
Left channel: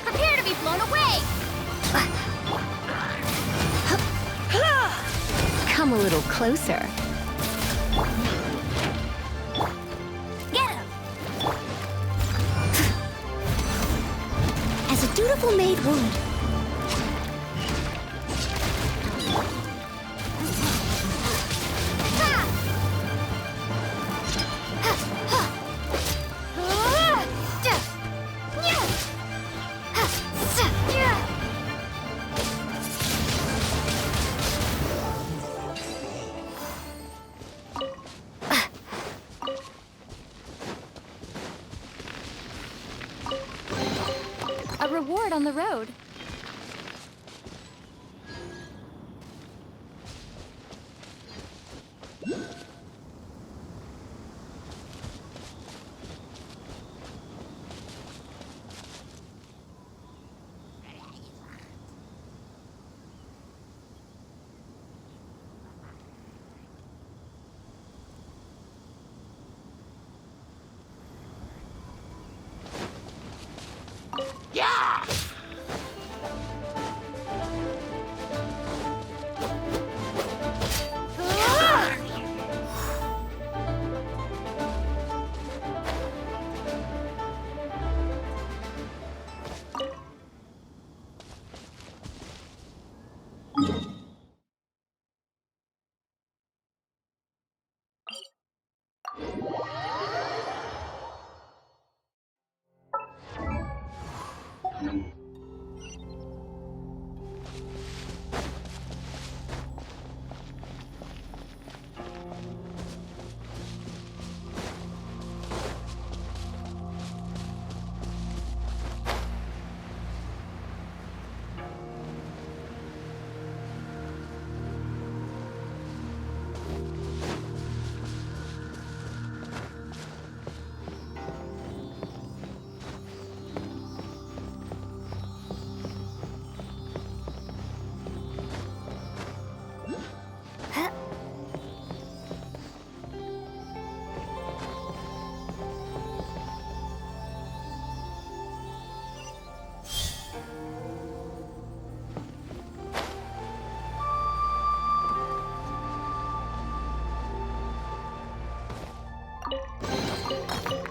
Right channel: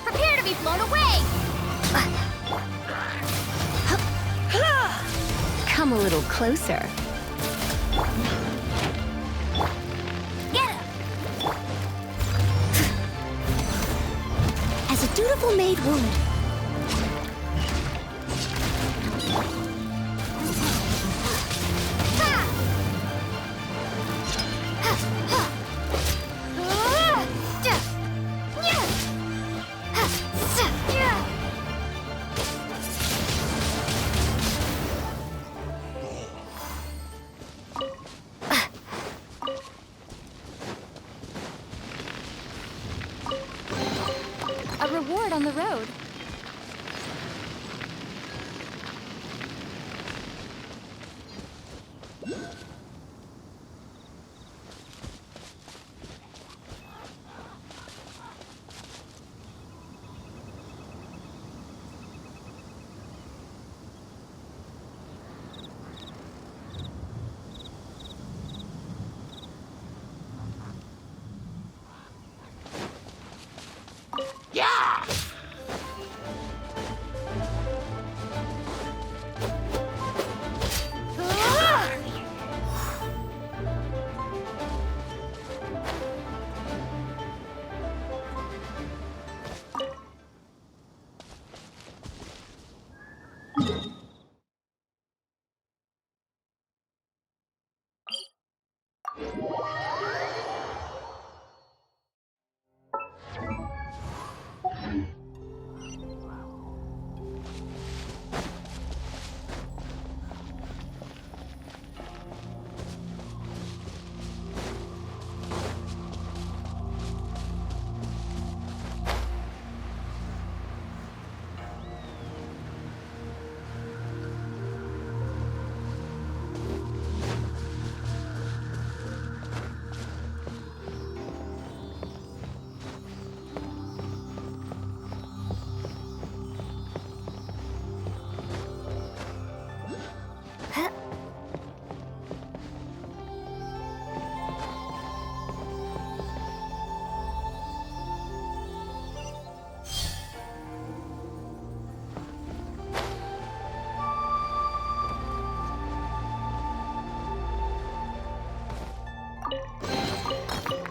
Prepare to be blown away! Come a little closer. Get him! As a dutiful maid would. A reward on the road.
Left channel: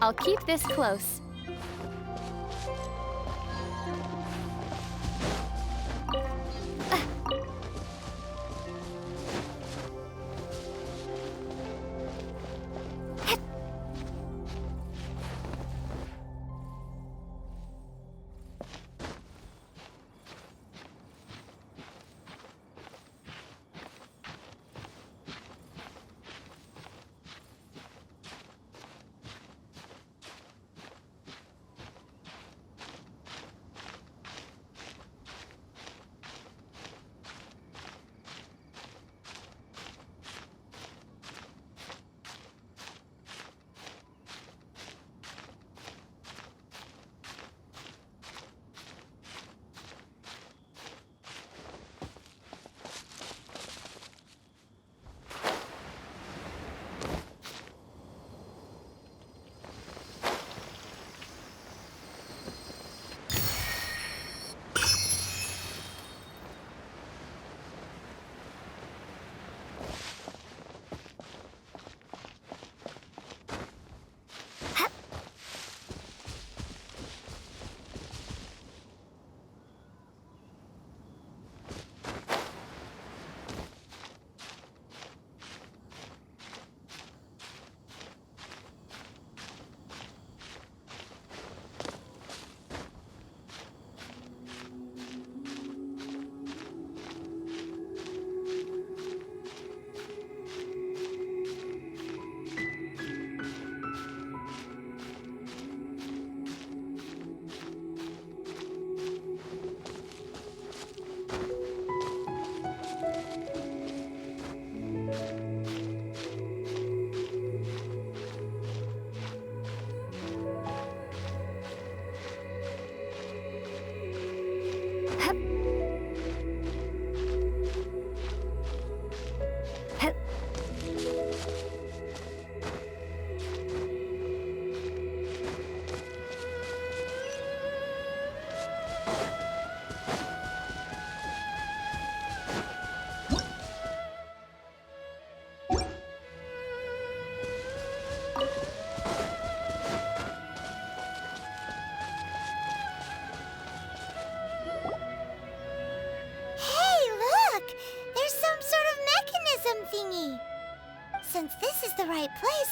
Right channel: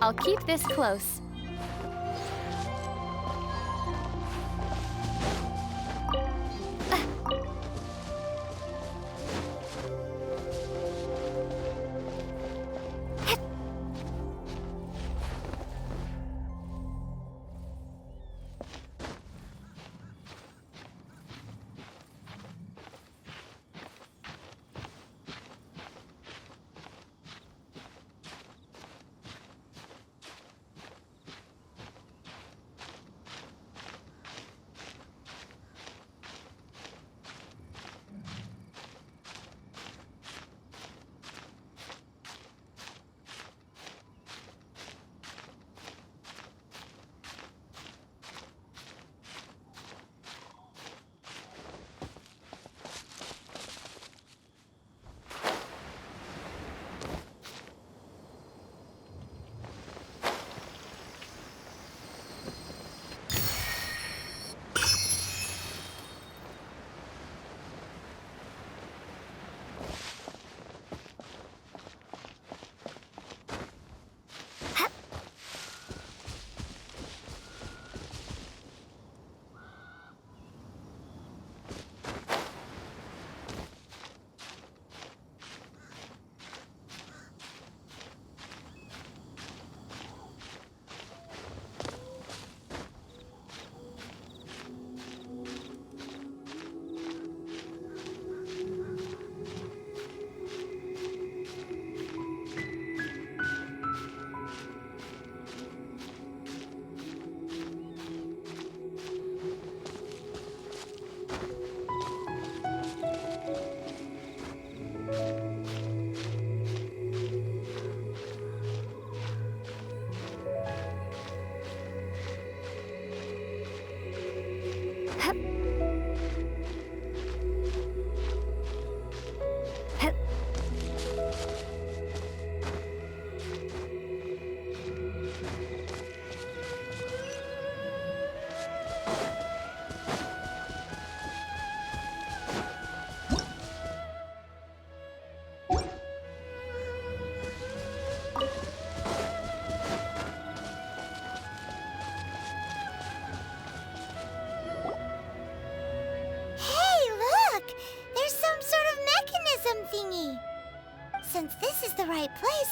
I'll keep this close.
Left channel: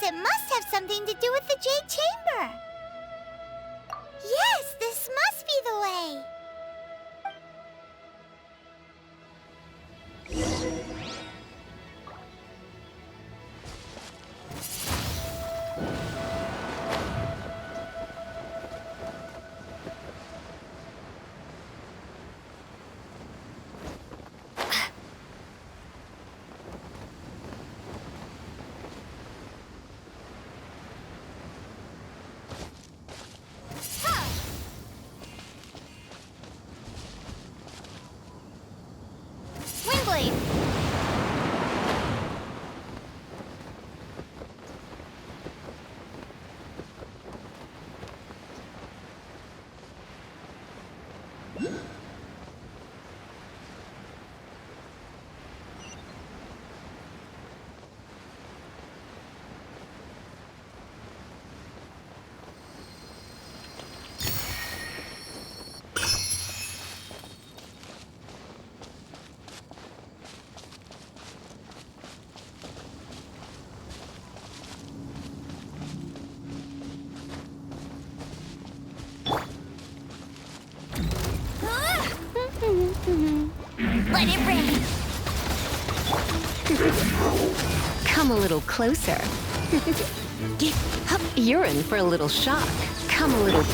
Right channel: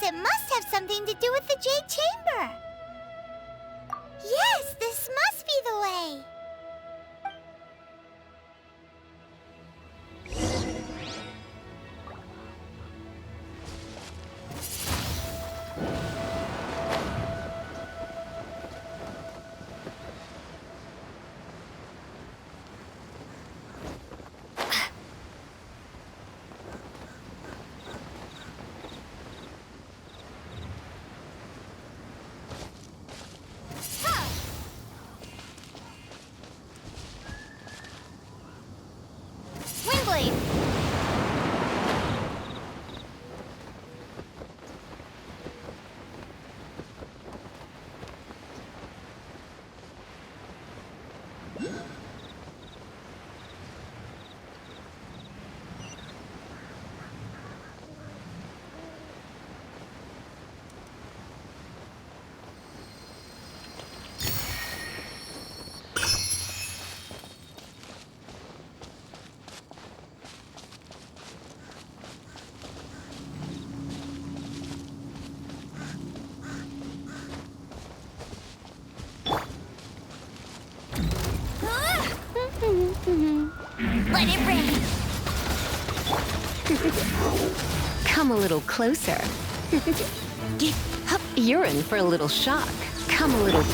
it must have something to do with the Jade Chamber. Yes, this must be the way. Windblade! Let it rain! Come a little closer. You're in for a little shock. Come a little...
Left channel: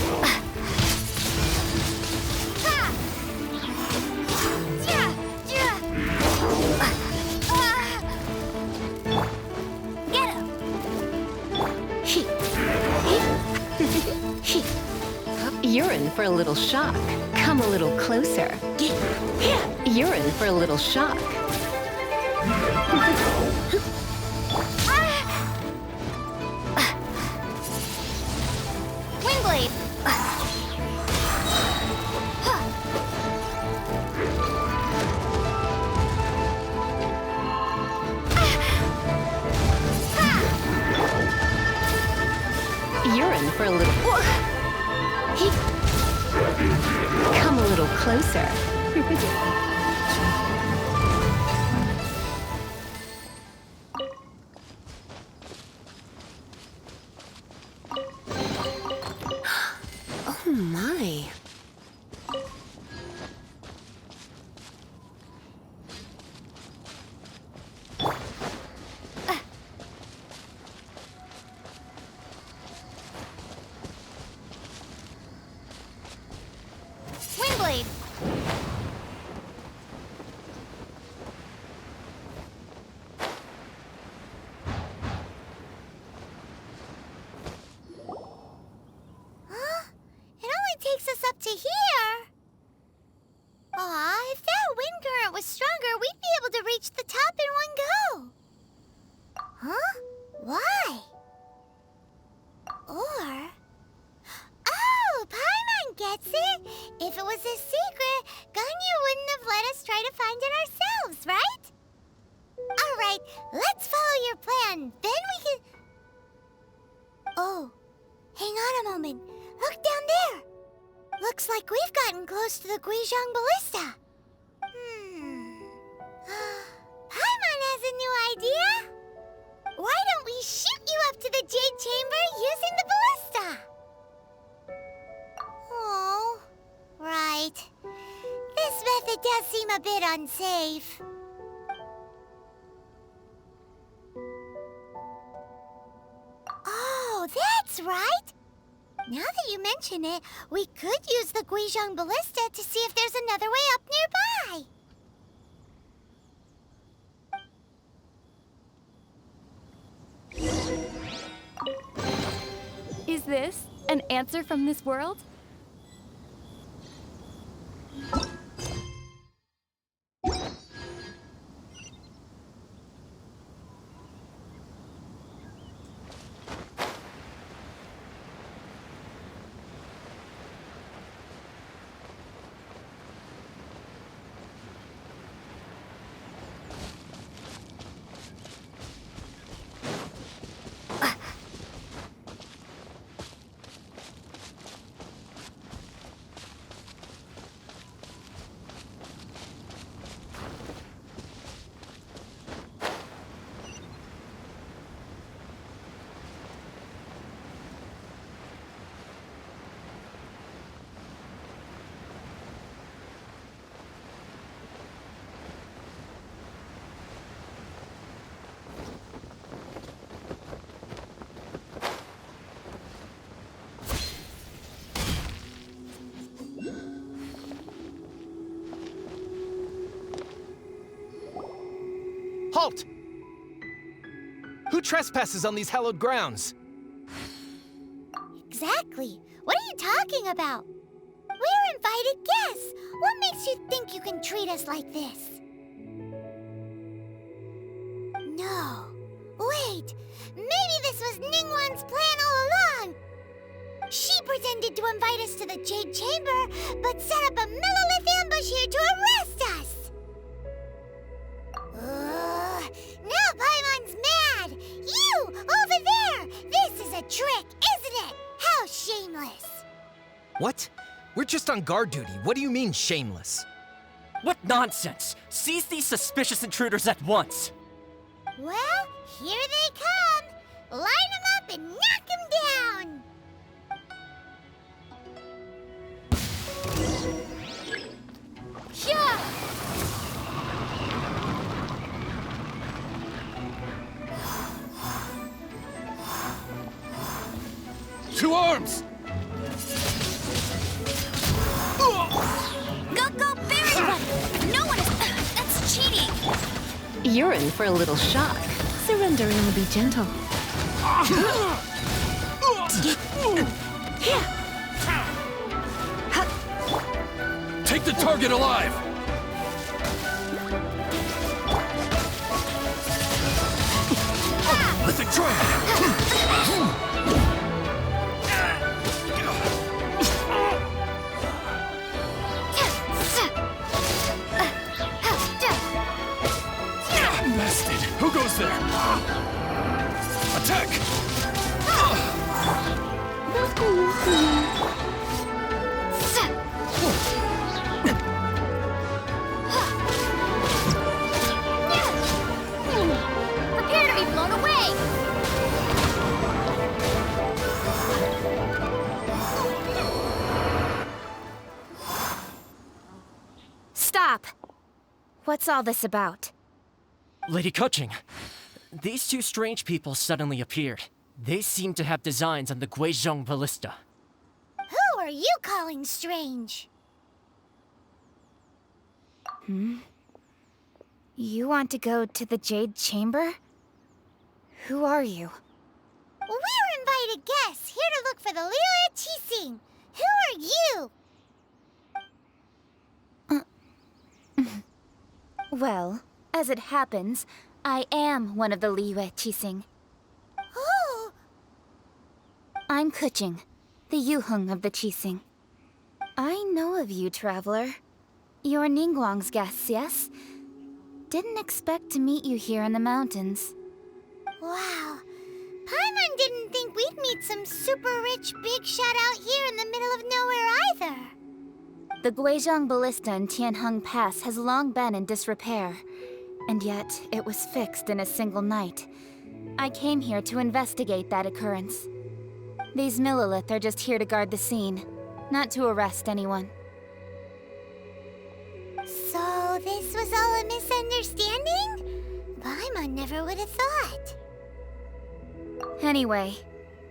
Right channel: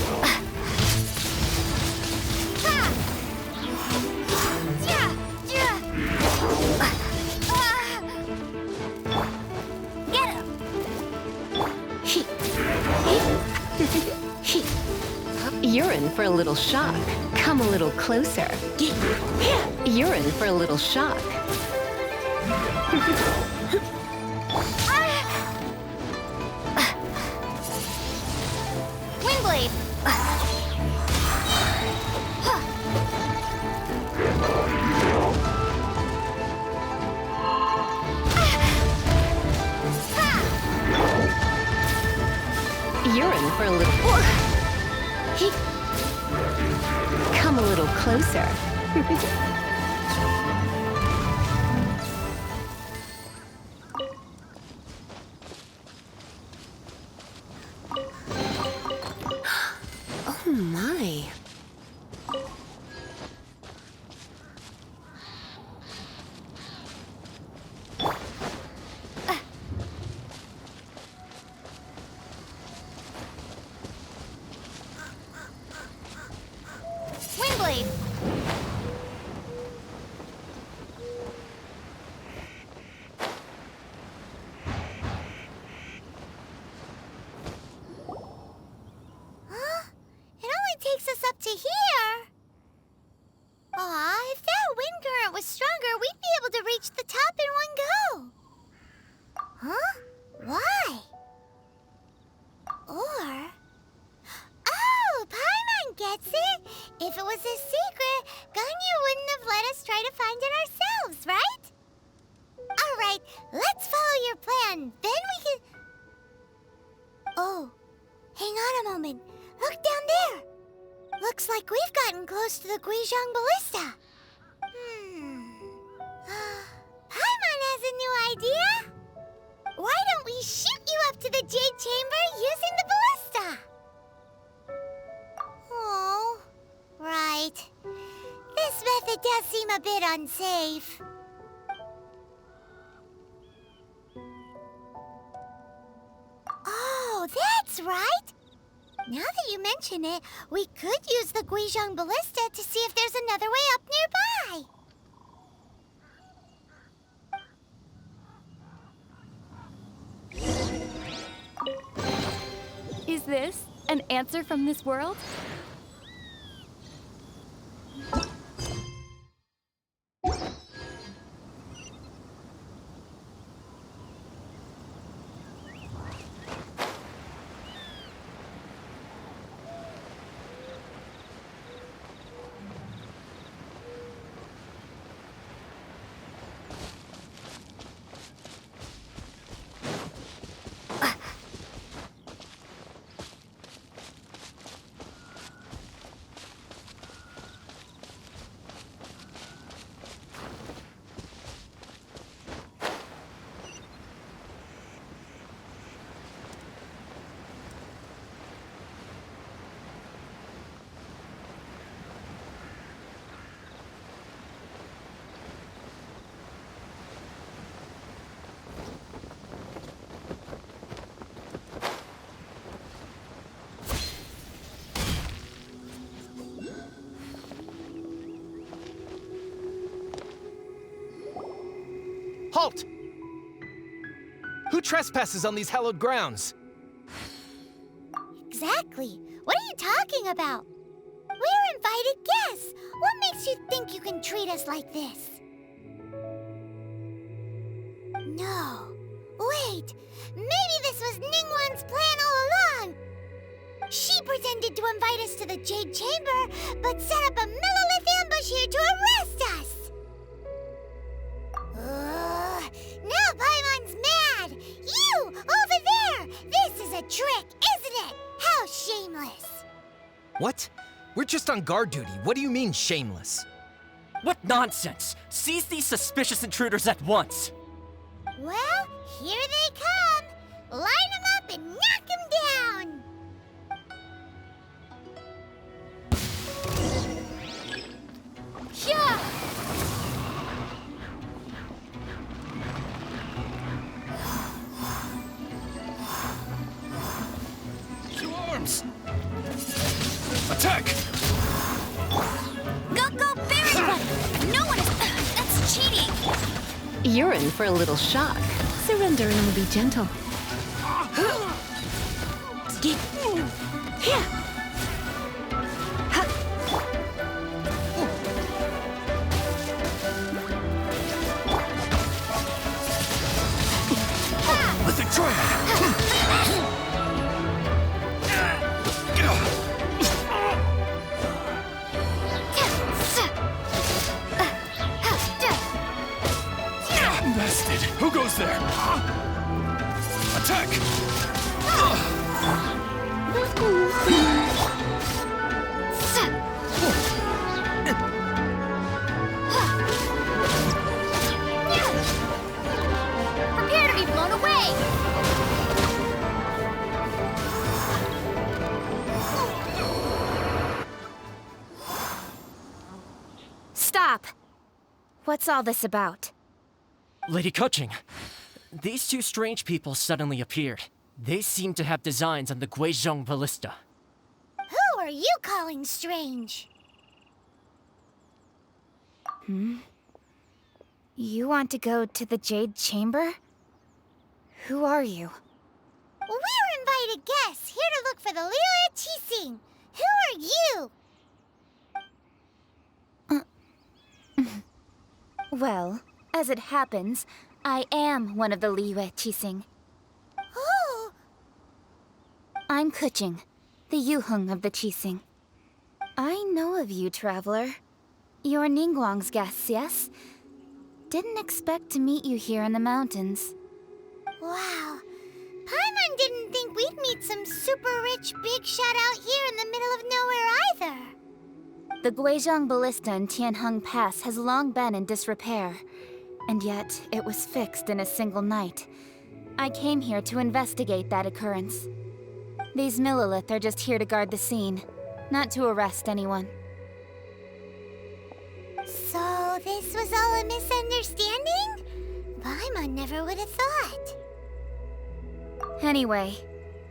Get him! You're in for a little shock. Come a little closer. You're in for a little shock. Windblade! You're in for a little... Come a little closer. Oh my. Windblade! Huh? It only takes us up to here. Aw, if that wind current was stronger, we'd be able to reach the top in one go. Huh? Why? Or... Oh, Paimon gets it! If it was a secret, Ganyu wouldn't have let us try to find it ourselves, right? Alright, let's follow your plan. Then we can... Oh, hang on a moment. Look down there. Looks like we've gotten close to the Guizhong Ballista. Paimon has a new idea. Why don't we shoot you up to the Jade Chamber using the ballista? Oh, right. This method does seem a bit unsafe. Oh, that's right. Now that you mention it, we could use the Guizhong Ballista to see if there's another way up nearby. Is this an answer from this world? Halt! Who trespasses on these hallowed grounds? Exactly. What are you talking about? We're invited guests. What makes you think you can treat us like this? No. Wait. Maybe this was Ningguang's plan all along. She pretended to invite us to the Jade Chamber, but set up a Millilith ambush here to arrest us. Now Paimon's mad! You, over there! This is a trick, isn't it? How shameless! What? We're just on guard duty. What do you mean, shameless? What nonsense! Seize these suspicious intruders at once! Well, here they come! Line them up and knock them down! Yeah! To arms! Attack! Go, Barry! No one is... That's cheating! You're in for a little shock. Surrender and we'll be gentle. Take the target alive! Mythic Triumph! Bested! Who goes there? Attack! Prepare to be blown away! Stop! What's all this about? Lady Kuching, these two strange people suddenly appeared. They seem to have designs on the Guizhong Ballista. Who are you calling strange? You want to go to the Jade Chamber? Who are you? We're invited guests, here to look for the Liu Qixing. Who are you? Well, as it happens, I am one of the Liu Qixing. Oh! I'm Kuching, the Yuheng of the Qixing. I know of you, traveler. You're Ningguang's guests, yes? Didn't expect to meet you here in the mountains. Wow. Paimon didn't think we'd meet some super rich big shot out here in the middle of nowhere either. The Guizhong Ballista in Tianheng Pass has long been in disrepair, and yet it was fixed in a single night. I came here to investigate that occurrence. These Millilith are just here to guard the scene, not to arrest anyone. So this was all a misunderstanding? Paimon never would have thought. Anyway,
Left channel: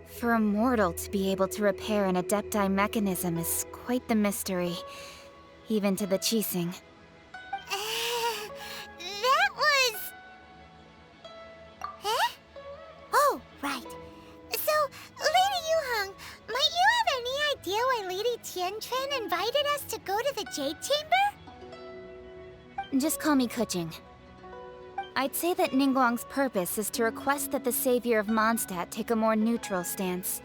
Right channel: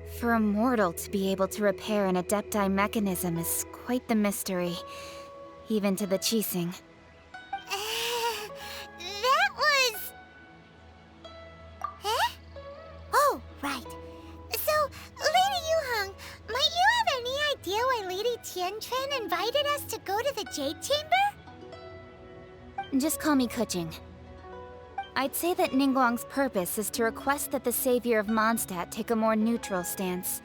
for a mortal to be able to repair an Adepti mechanism is quite the mystery, even to the Qixing. That was... Eh? Oh, right. So, Lady Yuheng, might you have any idea why Lady Tianquan invited us to go to the Jade Chamber? Just call me Kuching. I'd say that Ningguang's purpose is to request that the savior of Mondstadt take a more neutral stance.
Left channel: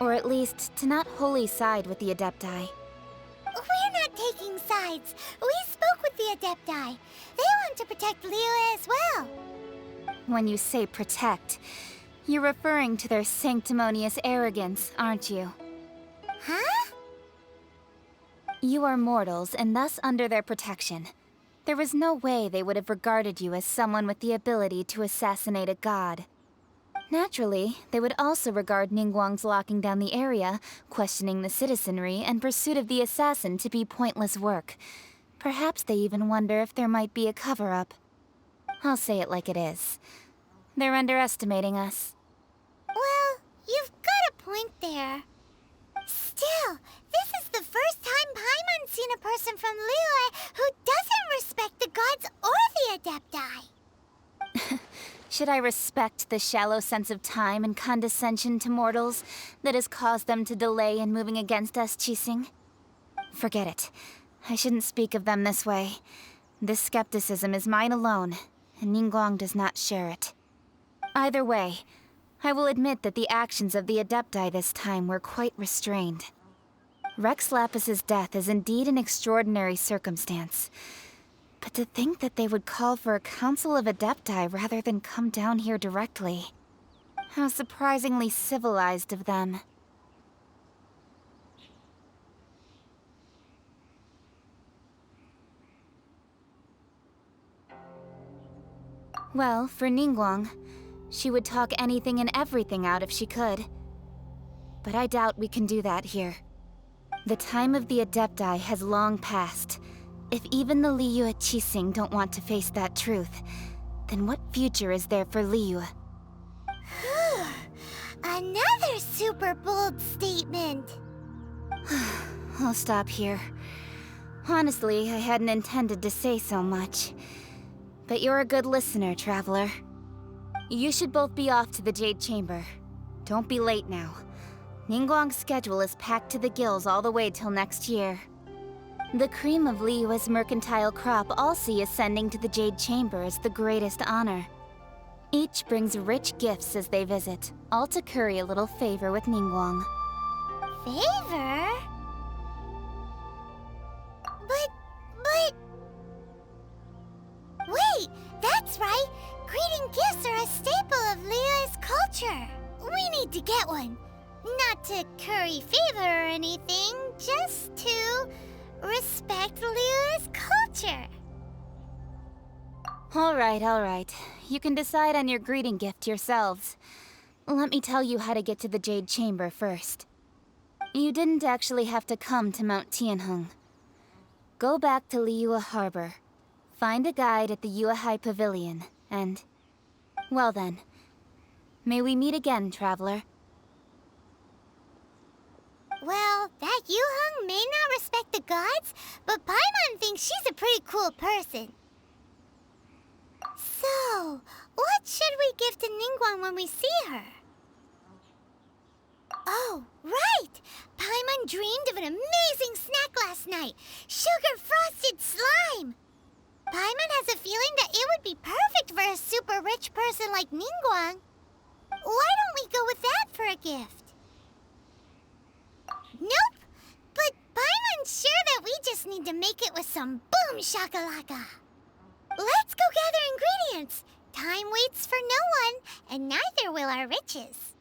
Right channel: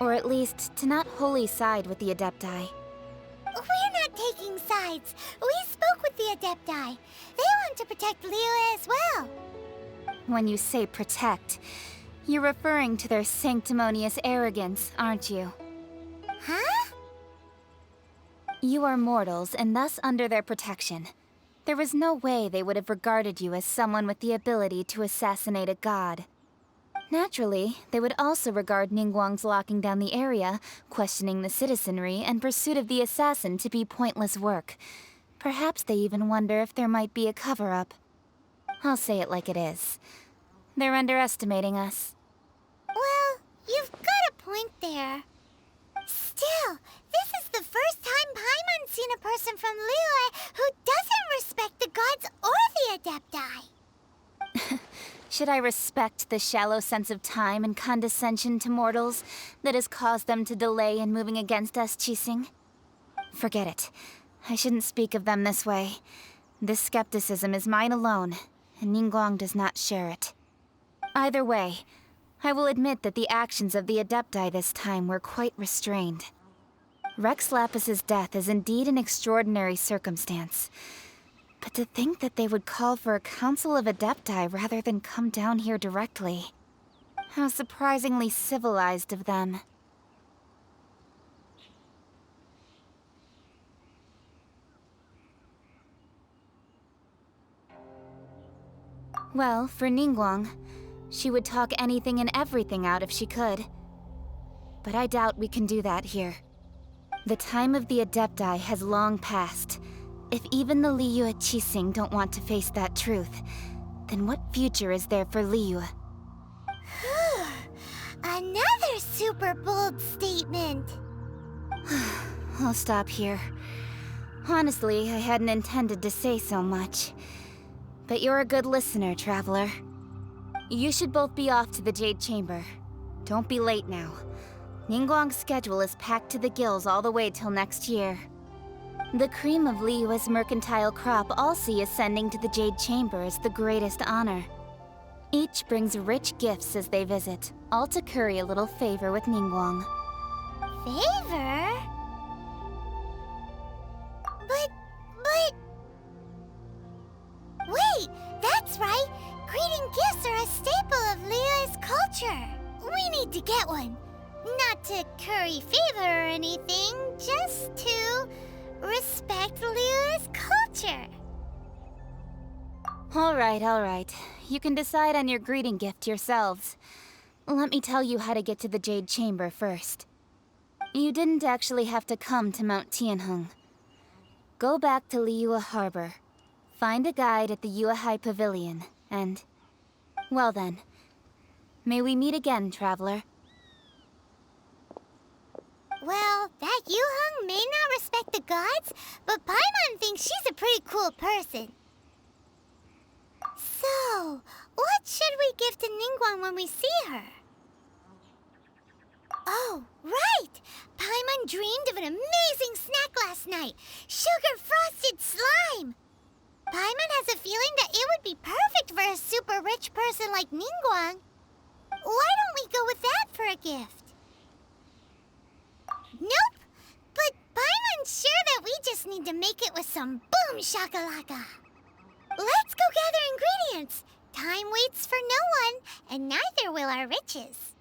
Or at least, to not wholly side with the Adepti. We're not taking sides. We spoke with the Adepti. They want to protect Liyue as well. When you say protect, you're referring to their sanctimonious arrogance, aren't you? Huh? You are mortals, and thus under their protection. There was no way they would have regarded you as someone with the ability to assassinate a god. Naturally, they would also regard Ningguang's locking down the area, questioning the citizenry, and pursuit of the assassin to be pointless work. Perhaps they even wonder if there might be a cover-up. I'll say it like it is. They're underestimating us. Well, you've got a point there. Still, this is the first time Paimon's seen a person from Liyue who doesn't respect the gods or the Adepti. should I respect the shallow sense of time and condescension to mortals that has caused them to delay in moving against us, Qixing? Forget it. I shouldn't speak of them this way. This skepticism is mine alone, and Ningguang does not share it. Either way, I will admit that the actions of the Adepti this time were quite restrained. Rex Lapis's death is indeed an extraordinary circumstance. But to think that they would call for a council of Adepti rather than come down here directly. How surprisingly civilized of them. Well, for Ningguang, she would talk anything and everything out if she could. But I doubt we can do that here. The time of the Adepti has long passed. If even the Liyue Qixing don't want to face that truth, then what future is there for Liyue? Another super bold statement. I'll stop here. Honestly, I hadn't intended to say so much. But you're a good listener, Traveler. You should both be off to the Jade Chamber. Don't be late now. Ningguang's schedule is packed to the gills all the way till next year. The cream of Liyue's mercantile crop all see ascending to the Jade Chamber as the greatest honor. Each brings rich gifts as they visit, all to curry a little favor with Ningguang. Favor? But... Wait, that's right! Greeting gifts are a staple of Liyue's culture. We need to get one. Not to curry favor or anything, just to respect Liyue's culture. All right. You can decide on your greeting gift yourselves. Let me tell you how to get to the Jade Chamber first. You didn't actually have to come to Mount Tianheng. Go back to Liyue Harbor. Find a guide at the Yuehai Pavilion, and... well then. May we meet again, Traveler. Well, that Yuheng may not respect the gods, but Paimon thinks she's a pretty cool person. So, what should we give to Ningguang when we see her? Oh, right! Paimon dreamed of an amazing snack last night! Sugar-frosted slime! Paimon has a feeling that it would be perfect for a super rich person like Ningguang. Why don't we go with that for a gift? Nope! But Paimon's sure that we just need to make it with some boom shakalaka. Let's go gather ingredients. Time waits for no one, and neither will our riches.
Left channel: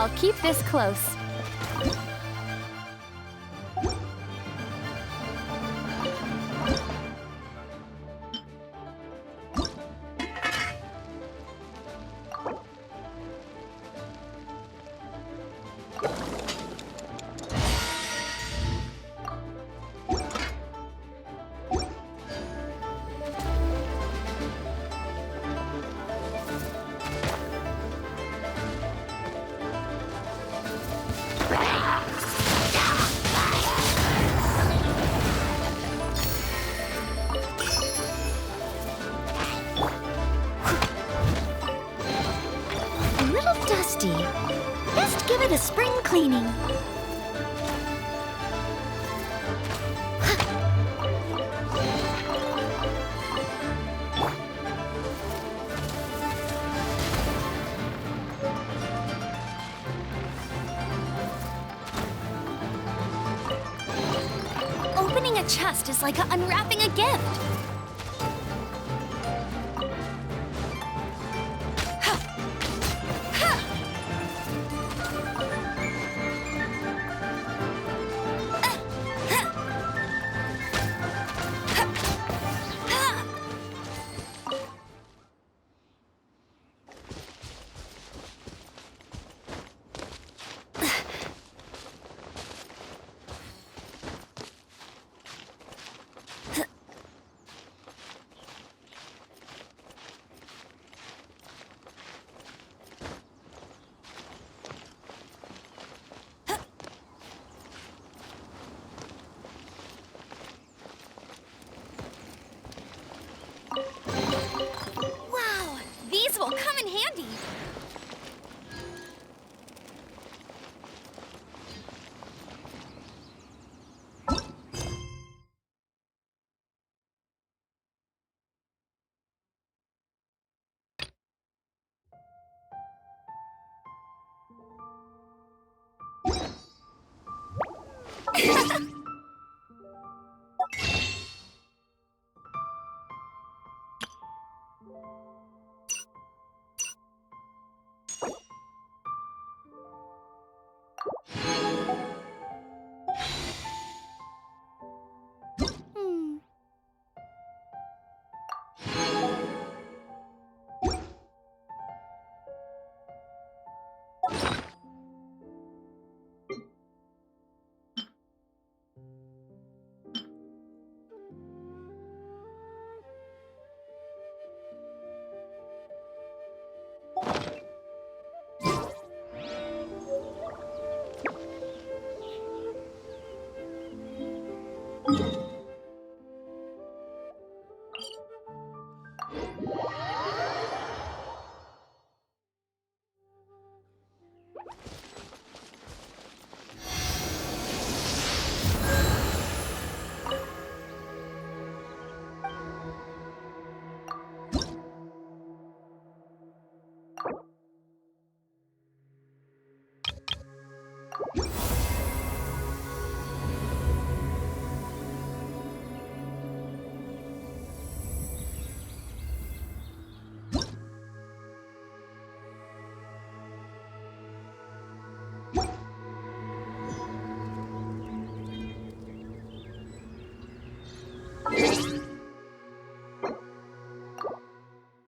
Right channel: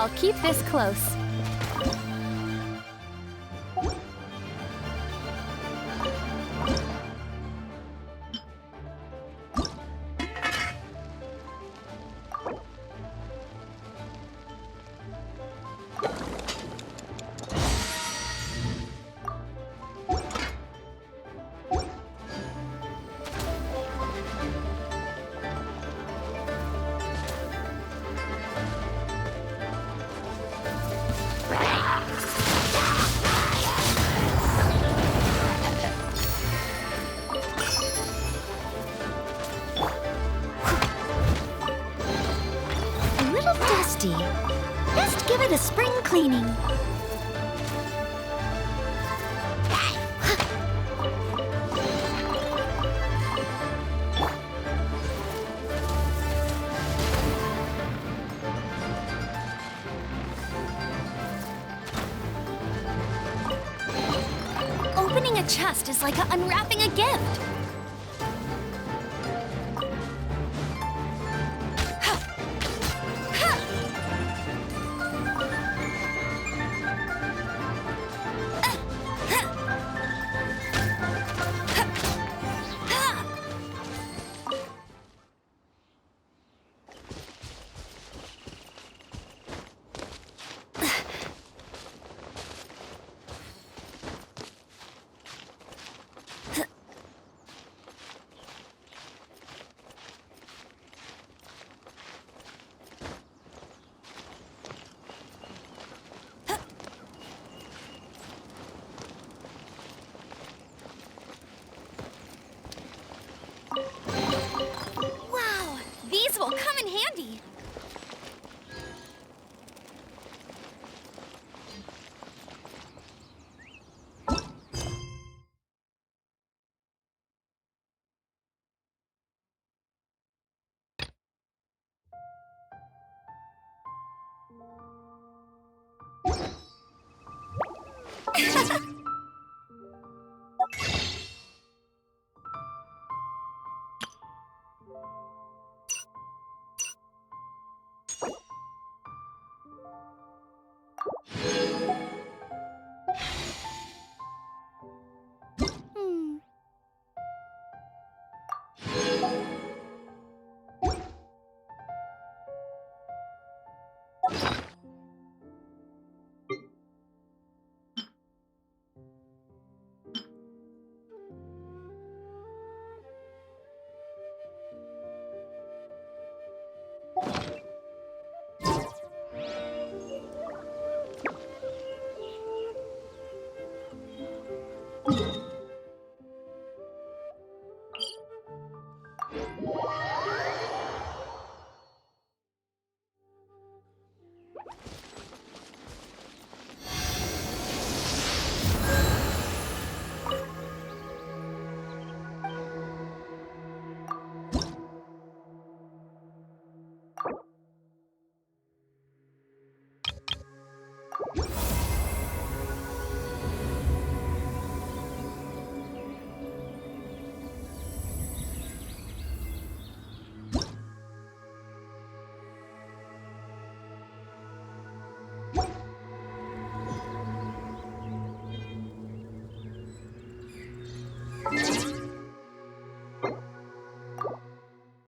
I'll keep this close. dusty. Best give it a spring cleaning. Opening a chest is like unwrapping a gift. Wow, these will come in handy.